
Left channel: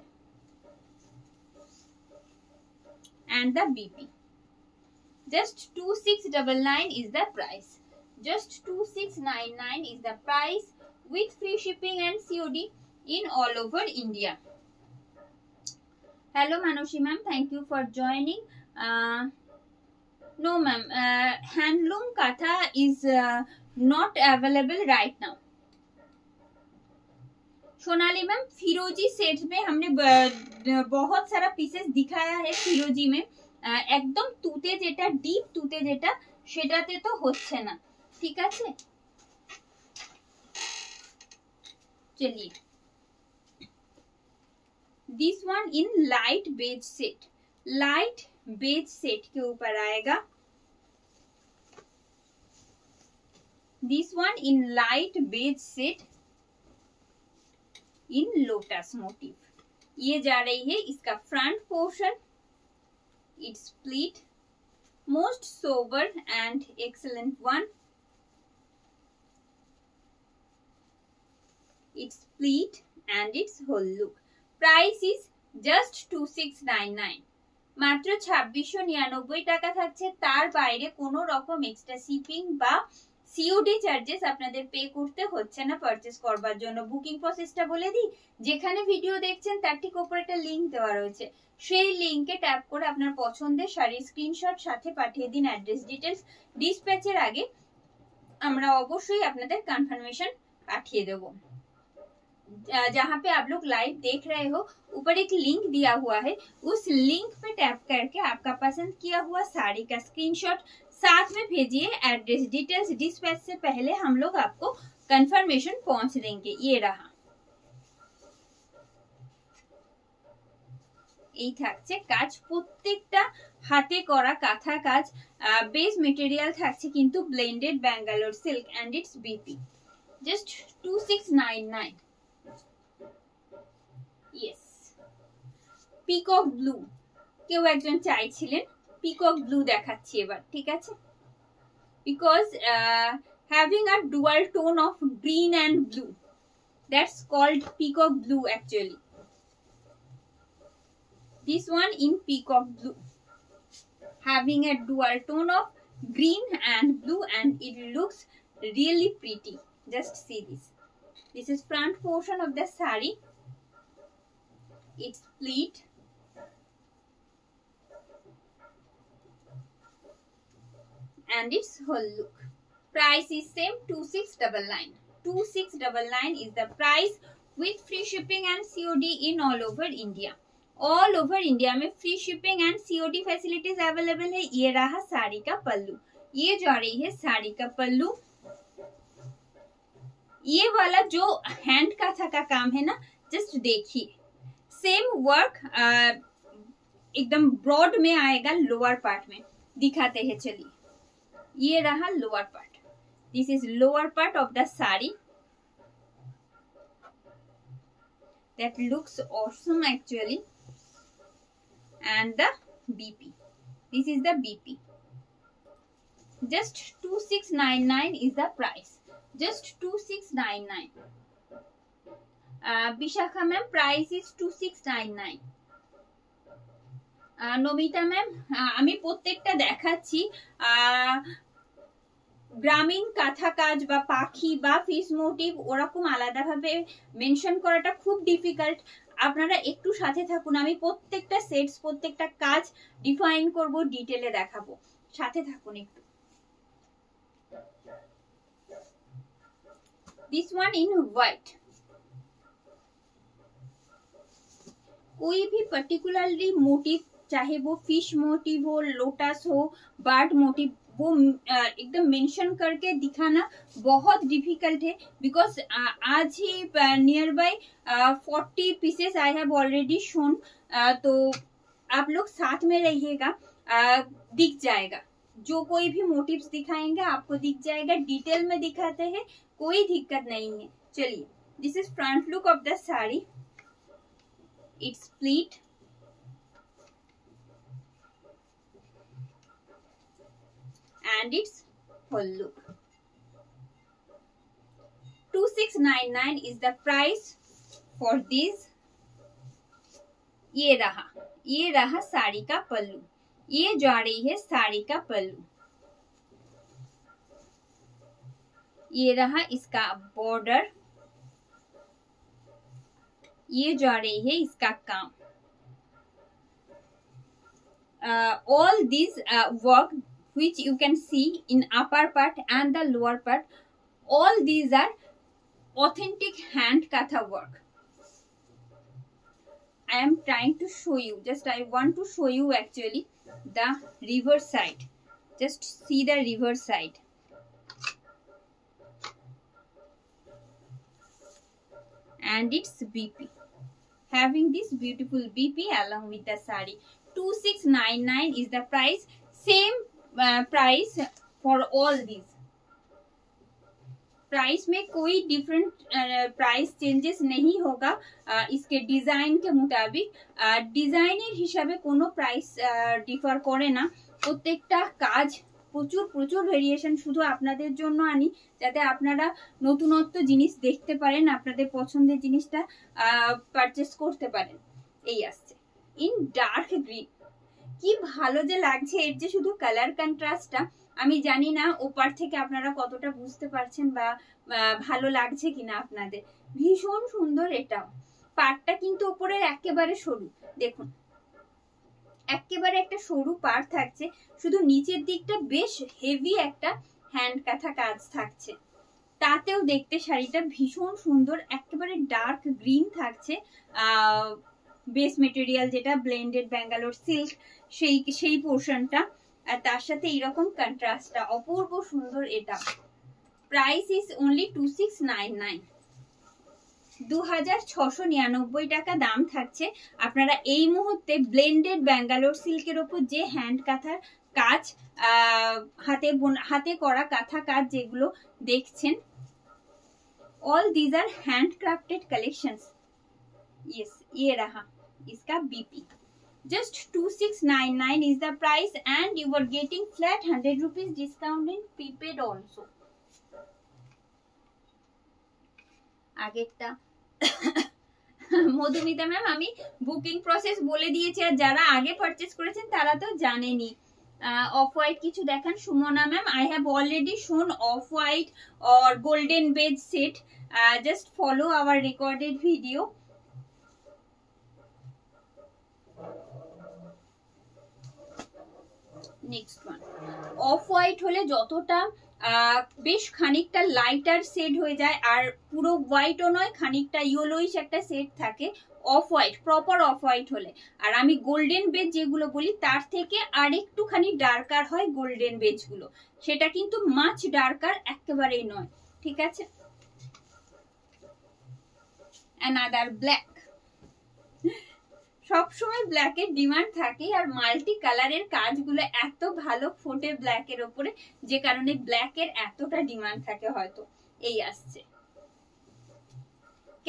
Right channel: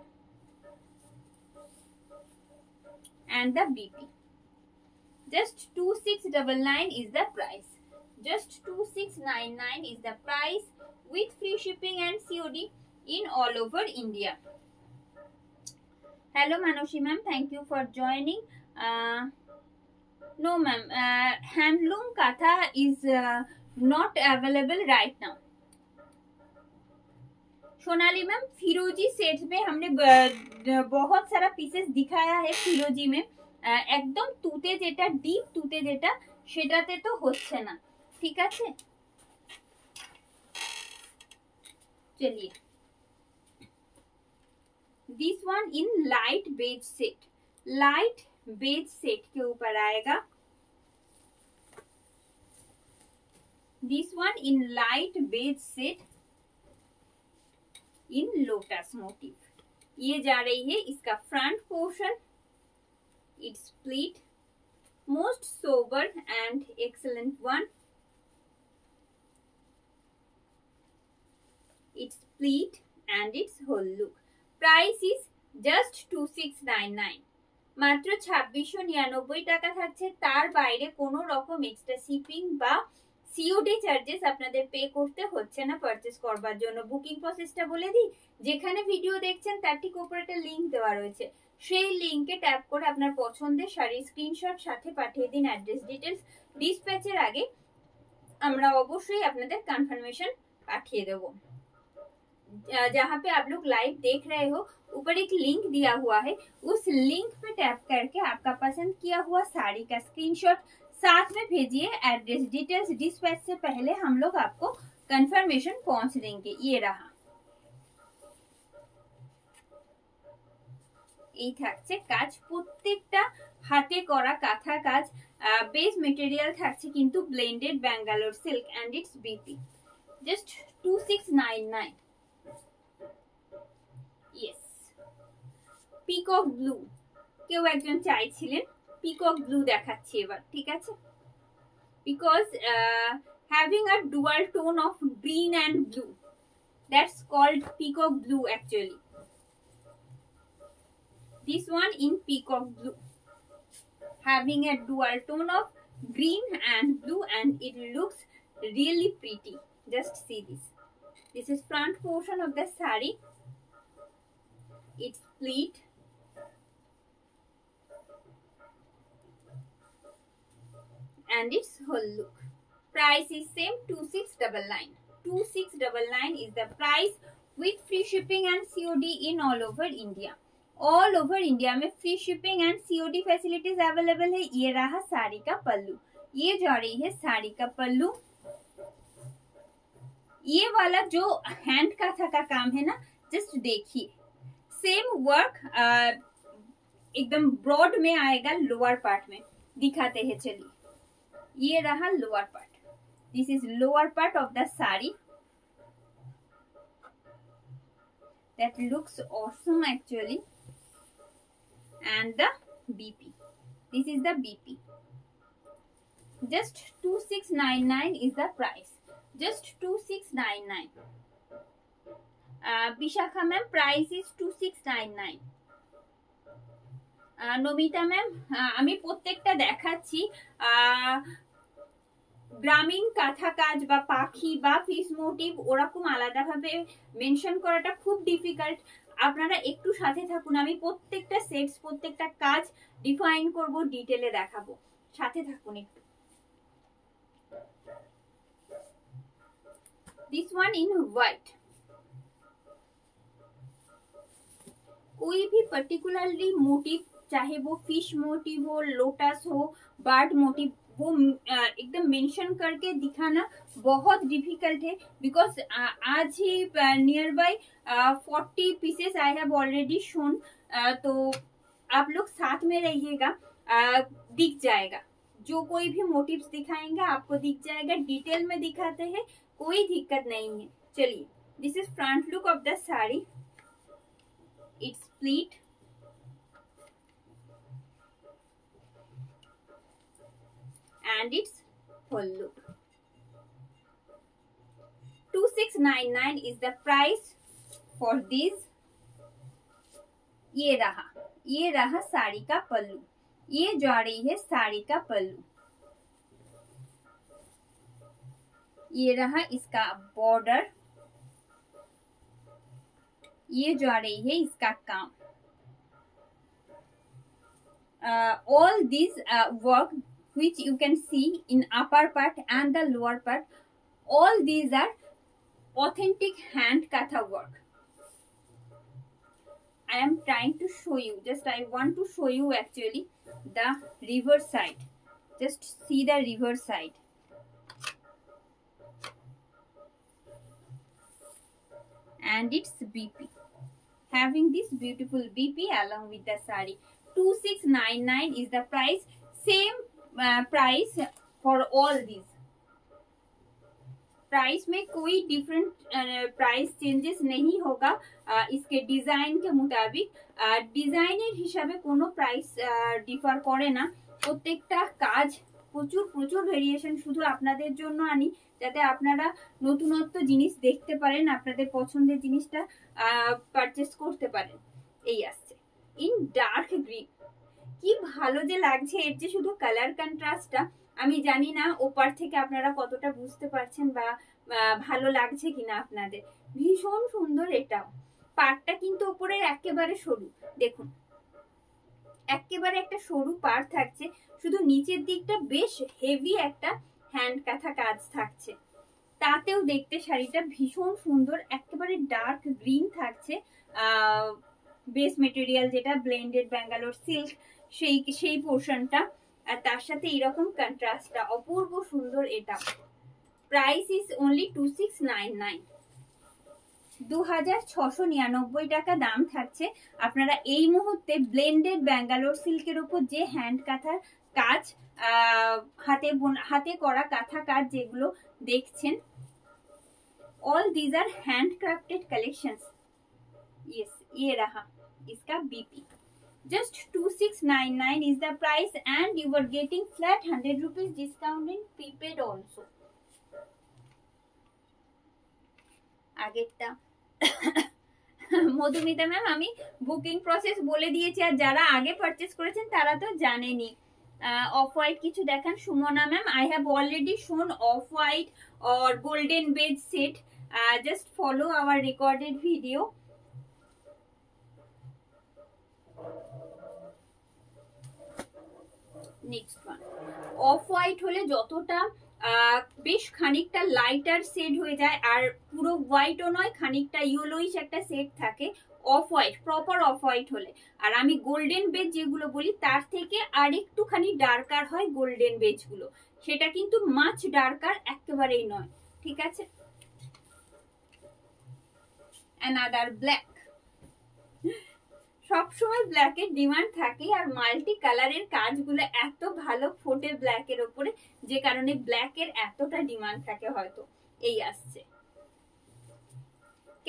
and the BP. Just 2699 is the price. Just 2699 is the price with free shipping and COD in all over India. Hello Manushi ma'am, thank you for joining. No ma'am, handloom katha is not available right now. Sonali ma'am, फिरोजी set में हमने बहुत सारा pieces दिखाया है फिरोजी में, একদম তুতে যেটা ডিপ তুতে যেটা সেটাতে তো হচ্ছে না, ঠিক আছে। चलिए this one in light beige set, light beige set के ऊपर आएगा। This one in light beige set in lotus motive. ये जा रही है इसका front portion, it's split, most sober and excellent one, its pleat and its whole look. Price is just 2699, মাত্র 2699 টাকা থাকছে। তার বাইরে কোনো রকম এক্সট্রা শিপিং বা সিওডি চার্জেস আপনাদের পে করতে হচ্ছে না পারচেজ করবার জন্য। বুকিং প্রসেসটা বলে দিই, যেখানে ভিডিও দেখছেন তার ঠিক উপরে একটা লিংক দেওয়া রয়েছে, সেই লিংকে ট্যাপ করে আপনার পছন্দের শাড়ির স্ক্রিনশট সাথে পাঠিয়ে দিন অ্যাড্রেস ডিটেলস। ডিসপ্যাচের আগে আমরা অবশ্যই আপনাদের কনফার্মেশন পাঠিয়ে দেবো। जहाँ पे आप लोग लाइव देख रहे हो ऊपर एक लिंक दिया हुआ है, उस लिंक पे टैप करके आपका पसंद किया हुआ साड़ी का स्क्रीनशॉट साथ में भेजिए एड्रेस डिटेल्स। डिस्पैच से पहले हम लोग आपको कंफर्मेशन पहुंच देंगे। ये रहा, এই থাকছে কাজ, প্রত্যেকটা হাতে করা কাঁথা কাজ। বেস মেটেরিয়াল থাকছে কিন্তু blended Bangalore silk and it's BP, just 2699। Yes, peacock blue কেউ একজন চাইছিলেন, পিকক ব্লু দেখাচ্ছি এবার, ঠিক আছে। Because having a dual tone of green and blue, that's called peacock blue actually. This one in peacock blue, having a dual tone of green and blue, and it looks really pretty. Just see this. This is front portion of the saree. It's pleat, and its whole look. Price is same 2699. 2699 is the price with free shipping and COD in all over India. All over India में free shipping and COD facilities available है। ये रहा साड़ी का पल्लू, ये जा रही है साड़ी का पल्लू। ये वाला जो हैंड काथा का काम है ना, जस्ट देखिए सेम वर्क एकदम ब्रॉड में आएगा, लोअर पार्ट में दिखाते हैं। चलिए, ये रहा lower part, this is lower part of the sari. That looks awesome actually. And the BP, this is the BP. Just 2699 is the price, just 2699. Bishakha ma'am, price is 2699. Nomita ma'am, আমি প্রত্যেকটা দেখাচ্ছি। গ্রামীণ কাঁথা কাজ বা পাখি বা ফিশ মোটিভ ওরকম আলাদাভাবে মেনশন করাটা খুব ডিফিকাল্ট। আপনারা একটু সাথে থাকুন, আমি প্রত্যেকটা সেটস প্রত্যেকটা কাজ ডিফাইন করব, ডিটেলে দেখাবো, সাথে থাকুন একটু। दिस वन इन व्हाइट, कोई भी पर्टिकुलरली मोटिव, चाहे वो फिश मोटिव हो, लोटस हो, बर्ड मोटिव, वो एकदम मेंशन करके दिखाना बहुत डिफिकल्ट है। बिकॉज आज ही nearby 40 pieces I have already shown, तो आप लोग साथ में रहिएगा, दिख जाएगा। जो कोई भी मोटिव्स दिखाएंगे आपको दिख जाएगा, डिटेल में दिखाते हैं, कोई दिक्कत नहीं है। चलिए, this is front look of the sari, it's pleat and its whole look. 2699 is the price for this. ये रहा साड़ी का पल्लू, ये जा रही है साड़ी का पल्लू। ये रहा इसका बॉर्डर, ये जा रही है इसका काम। All these work which you can see in upper part and the lower part, all these are authentic hand katha work. I am trying to show you, just I want to show you actually the reverse side. Just see the reverse side. And it's BP, having this beautiful BP along with the sari. 2699 is the price. Same price for all these. Price में कोई different price changes नहीं होगा इसके design के मुताबिक। ডিজাইনের হিসাবে কোনো প্রাইস ডিফার করে না। প্রত্যেকটা কাজ প্রচুর প্রচুর ভেরিয়েশন শুধু আপনাদের জন্য আনি, যাতে আপনারা নতুনত্ব জিনিস দেখতে পারেন, আপনাদের পছন্দের জিনিসটা পারচেস করতে পারেন। এই আসছে ইন ডার্ক গ্রিন, কি ভালো যে লাগছে এর যে শুধু কালার কন্ট্রাস্টটা। আমি জানি না ওপার থেকে আপনারা কতটা বুঝতে পারছেন বা ভালো লাগছে কিনা আপনাদের। ভীষণ সুন্দর এটাও। পাড়টা কিন্তু উপরের একেবারে সরু, দেখুন একেবারে একটা সরু পাড় থাকছে, শুধু নিচের দিকটা বেশ হেভি একটা হ্যান্ড কাঁথা কাজ থাকছে। তাতেও দেখতে শাড়িটা ভীষণ সুন্দর, একেবারে ডার্ক গ্রিন থাকছে। বেস মেটেরিয়াল যেটা ব্লেন্ডেড ব্যাঙ্গালোর সিল্ক সেই পোর্শনটা, আর তার সাথে এরকম কন্ট্রাস্টটা অপূর্ব সুন্দর। এটা প্রাইস ইজ অনলি 2699, 2699 টাকা দাম থাকছে। আপনারা এই মুহূর্তে ব্লেন্ডেড ব্যাঙ্গালোর সিল্কের ওপর যে হ্যান্ড কাঁথার কাজ, হাতে করা কাঁথা কাজ যেগুলো দেখছেন, all these are handcrafted collections. Yes, ये रहा इसका BP. Just 2699 is the price and you were getting flat 100 rupees discount in prepaid also. আগেরটা মধুমিতা ম্যাম আমি বুকিং প্রসেস বলে দিয়েছি, আর যারা আগে পারচেজ করেছেন তারা তো জানেনই। অফ হোয়াইট কিছু দেখান Sumana ma'am. I have already shown off white or golden beige set. Just follow our recorded video. Next one off white হলে যতটা বেশ খানিকটা লাইটার শেড হয়ে যায়, আর পুরো হোয়াইটও নয়, খানিকটা ইয়েলোইশ একটা শেড থাকে off white, proper of white হলে। আর আমি গোল্ডেন বেজ যেগুলো বলি তার থেকে আর একটুখানি ডার্কার হয় গোল্ডেন বেজ গুলো, সেটা কিন্তু মাছ ডার্কার একেবারেই নয়, ঠিক আছে। অ্যানাদার ব্ল্যাক, সবসময় ব্ল্যাকের ডিমান্ড থাকে, আর মাল্টি কালারের কাজগুলো এত ভালো ফোটে ব্ল্যাকের ওপরে, যে কারণে ব্ল্যাকের এতটা ডিমান্ড থাকে হয়তো। এই আসছে,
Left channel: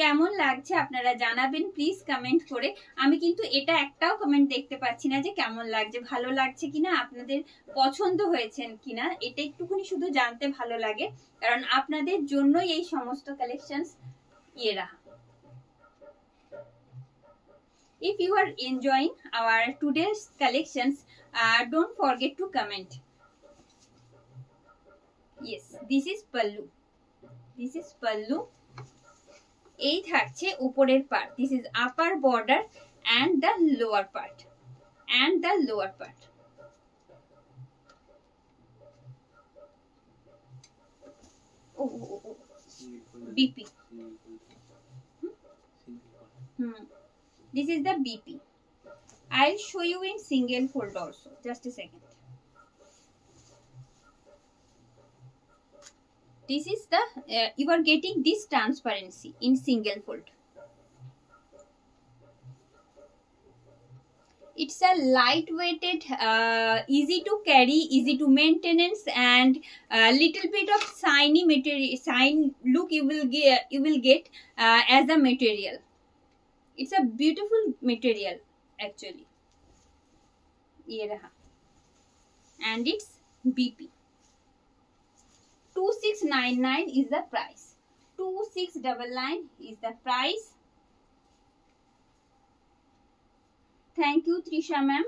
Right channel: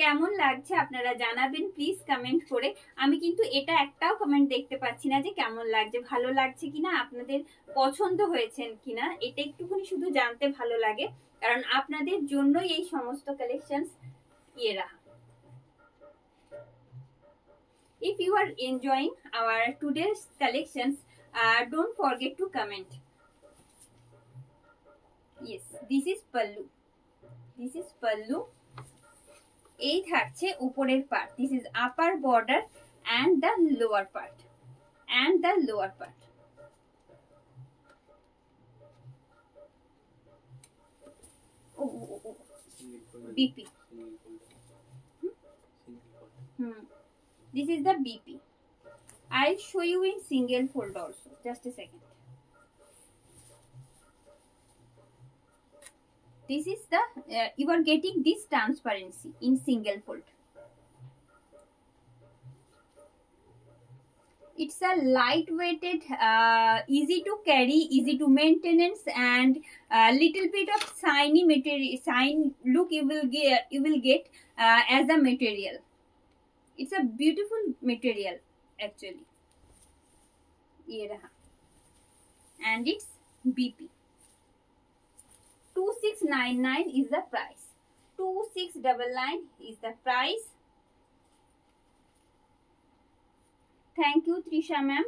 কেমন লাগছে আপনারা জানাবেন প্লিজ কমেন্ট করে। আমি কিন্তু এটা একটাও কমেন্ট দেখতে পাচ্ছি না যে কেমন লাগছে, ভালো লাগছে কিনা, আপনাদের পছন্দ হয়েছেন কিনা, এটা একটুখানি শুধু জানতে ভালো লাগে, কারণ আপনাদের জন্যই এই সমস্ত কালেকশনস ইয়ে রাখা। If you are enjoying our today's collections, don't forget to comment. Yes, this is pallu. This is pallu. এই থাকছে উপরের part. This is upper border and the lower part. And the lower part. Oh. BP. This is the BP. I'll show you in single fold also. Just a second. This is the you are getting this transparency in single fold. It's a lightweighted, easy to carry, easy to maintenance, and little bit of shiny material, shine look you will get as a material. It's a beautiful material actually. ये रहा, and it's BP. 2699 is the price. 2699 is the price. Thank you Trisha ma'am.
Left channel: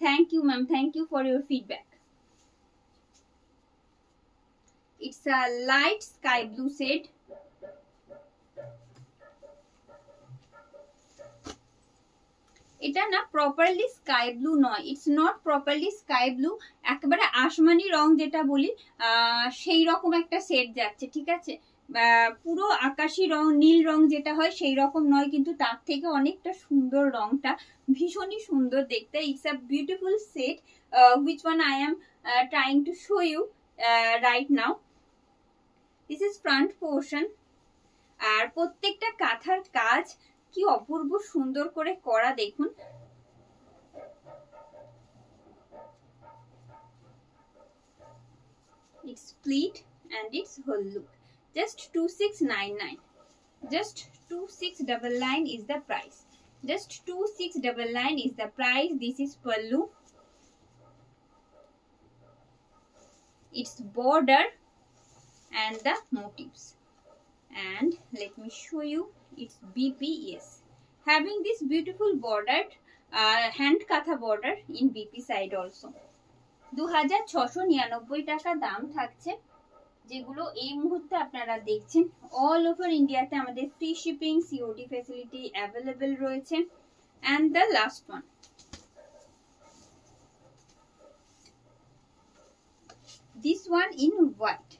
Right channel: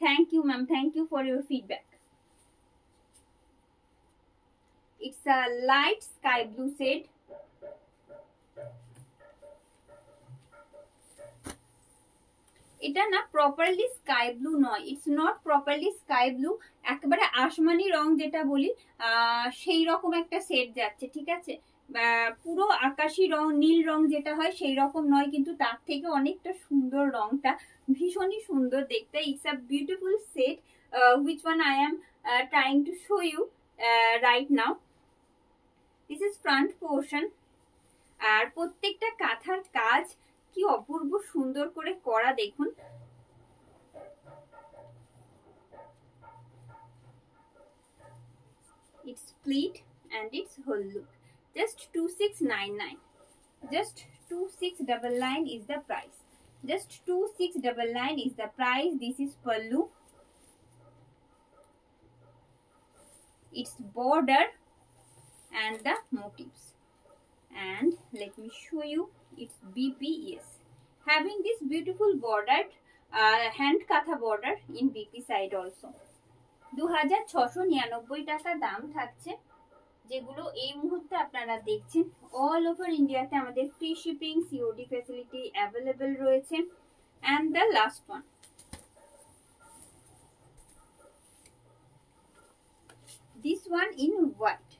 Thank you ma'am. Thank you for your feedback. It's a light sky blue shade. এটা না properly sky blue নয়, it's not properly sky blue, একেবারে আসমানি রং যেটা বলি সেই রকম একটা shade যাচ্ছে, ঠিক আছে। পুরো আকাশি রং নীল রং যেটা হয় সেই রকম নয়, কিন্তু তার থেকে অনেকটা সুন্দর, রংটা ভীষণই সুন্দর দেখতে। It's a beautiful set which one I am trying to show you right now. This is front portion. আর প্রত্যেকটা কাঁথার কাজ কি অপূর্ব সুন্দর করে করা দেখুন। It's pleat and its whole look. Just 2699. Just 2699 is the price. Just 2699 is the price. This is pallu. Its border and the motifs. And let me show you its BPS. Having this beautiful bordered hand katha border in BP side also. 2699 টাকা দাম থাকছে, যেগুলো এই মুহূর্তে আপনারা দেখছেন। All over ইন্ডিয়াতে আমাদের free shipping COD facility available রয়েছে। And the last one, this one in white.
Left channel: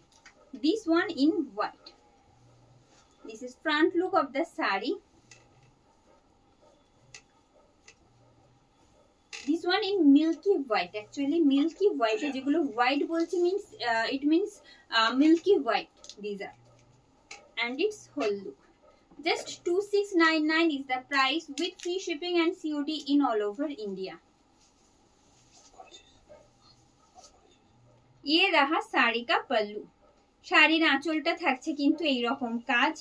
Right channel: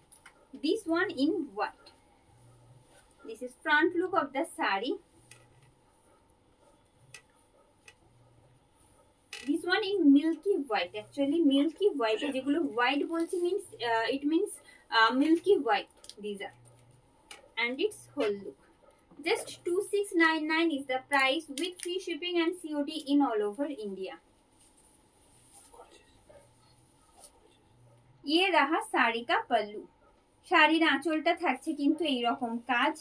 This one in white. This is front look of the saree. This one in milky white. Actually milky white যেগুলো white বলছি means it means milky white these are. And its whole look. Just 2699 is the price with free shipping and COD in all over India. ये रहा साड़ी का पल्लू। শাড়ির আঁচলটা থাকছে কিন্তু এইরকম কাজ,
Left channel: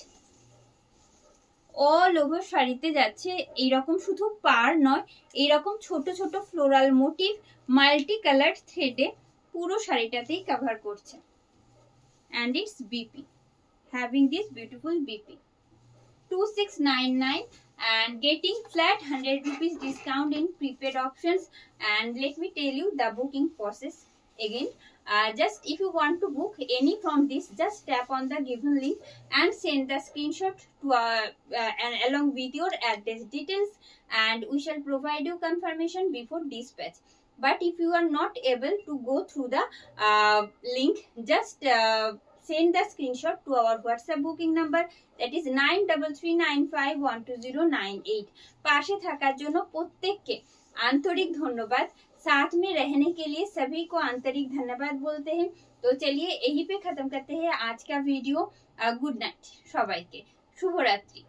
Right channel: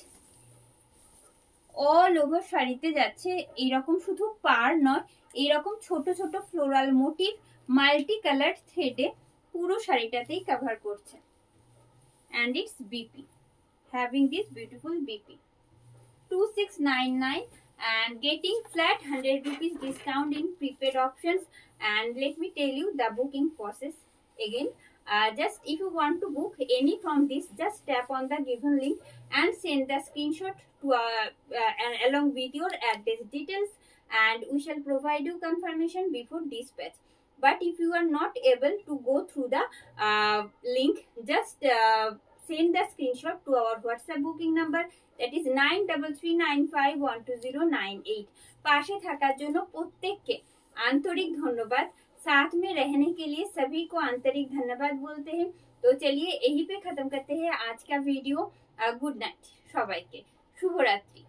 অল ওভার শাড়িতে যাচ্ছে এইরকম, শুধু পার নয়, এইরকম ছোট ছোট ফ্লোরাল মোটিভ মাল্টি কালার থ্রেডে পুরো শাড়িটাতেই কভার করছে। and its BP, having this beautiful BP. 2699 and getting flat 100 rupees discount in prepaid options. And let me tell you the booking process again. Just if you want to book any from this, just tap on the given link and send the screenshot to along with your address details, and we shall provide you confirmation before dispatch. But if you are not able to go through the link, just send the screenshot to our WhatsApp booking number, that is 9339512098. पाशे থাকার জন্য প্রত্যেককে आंतरिक धन्यवाद। साथ में रहने के लिए सभी को आंतरिक धन्यवाद बोलते हैं। तो चलिए यहीं पे खत्म करते हैं आज का वीडियो। गुड नाइट सबाइके, शुभ रात्रि।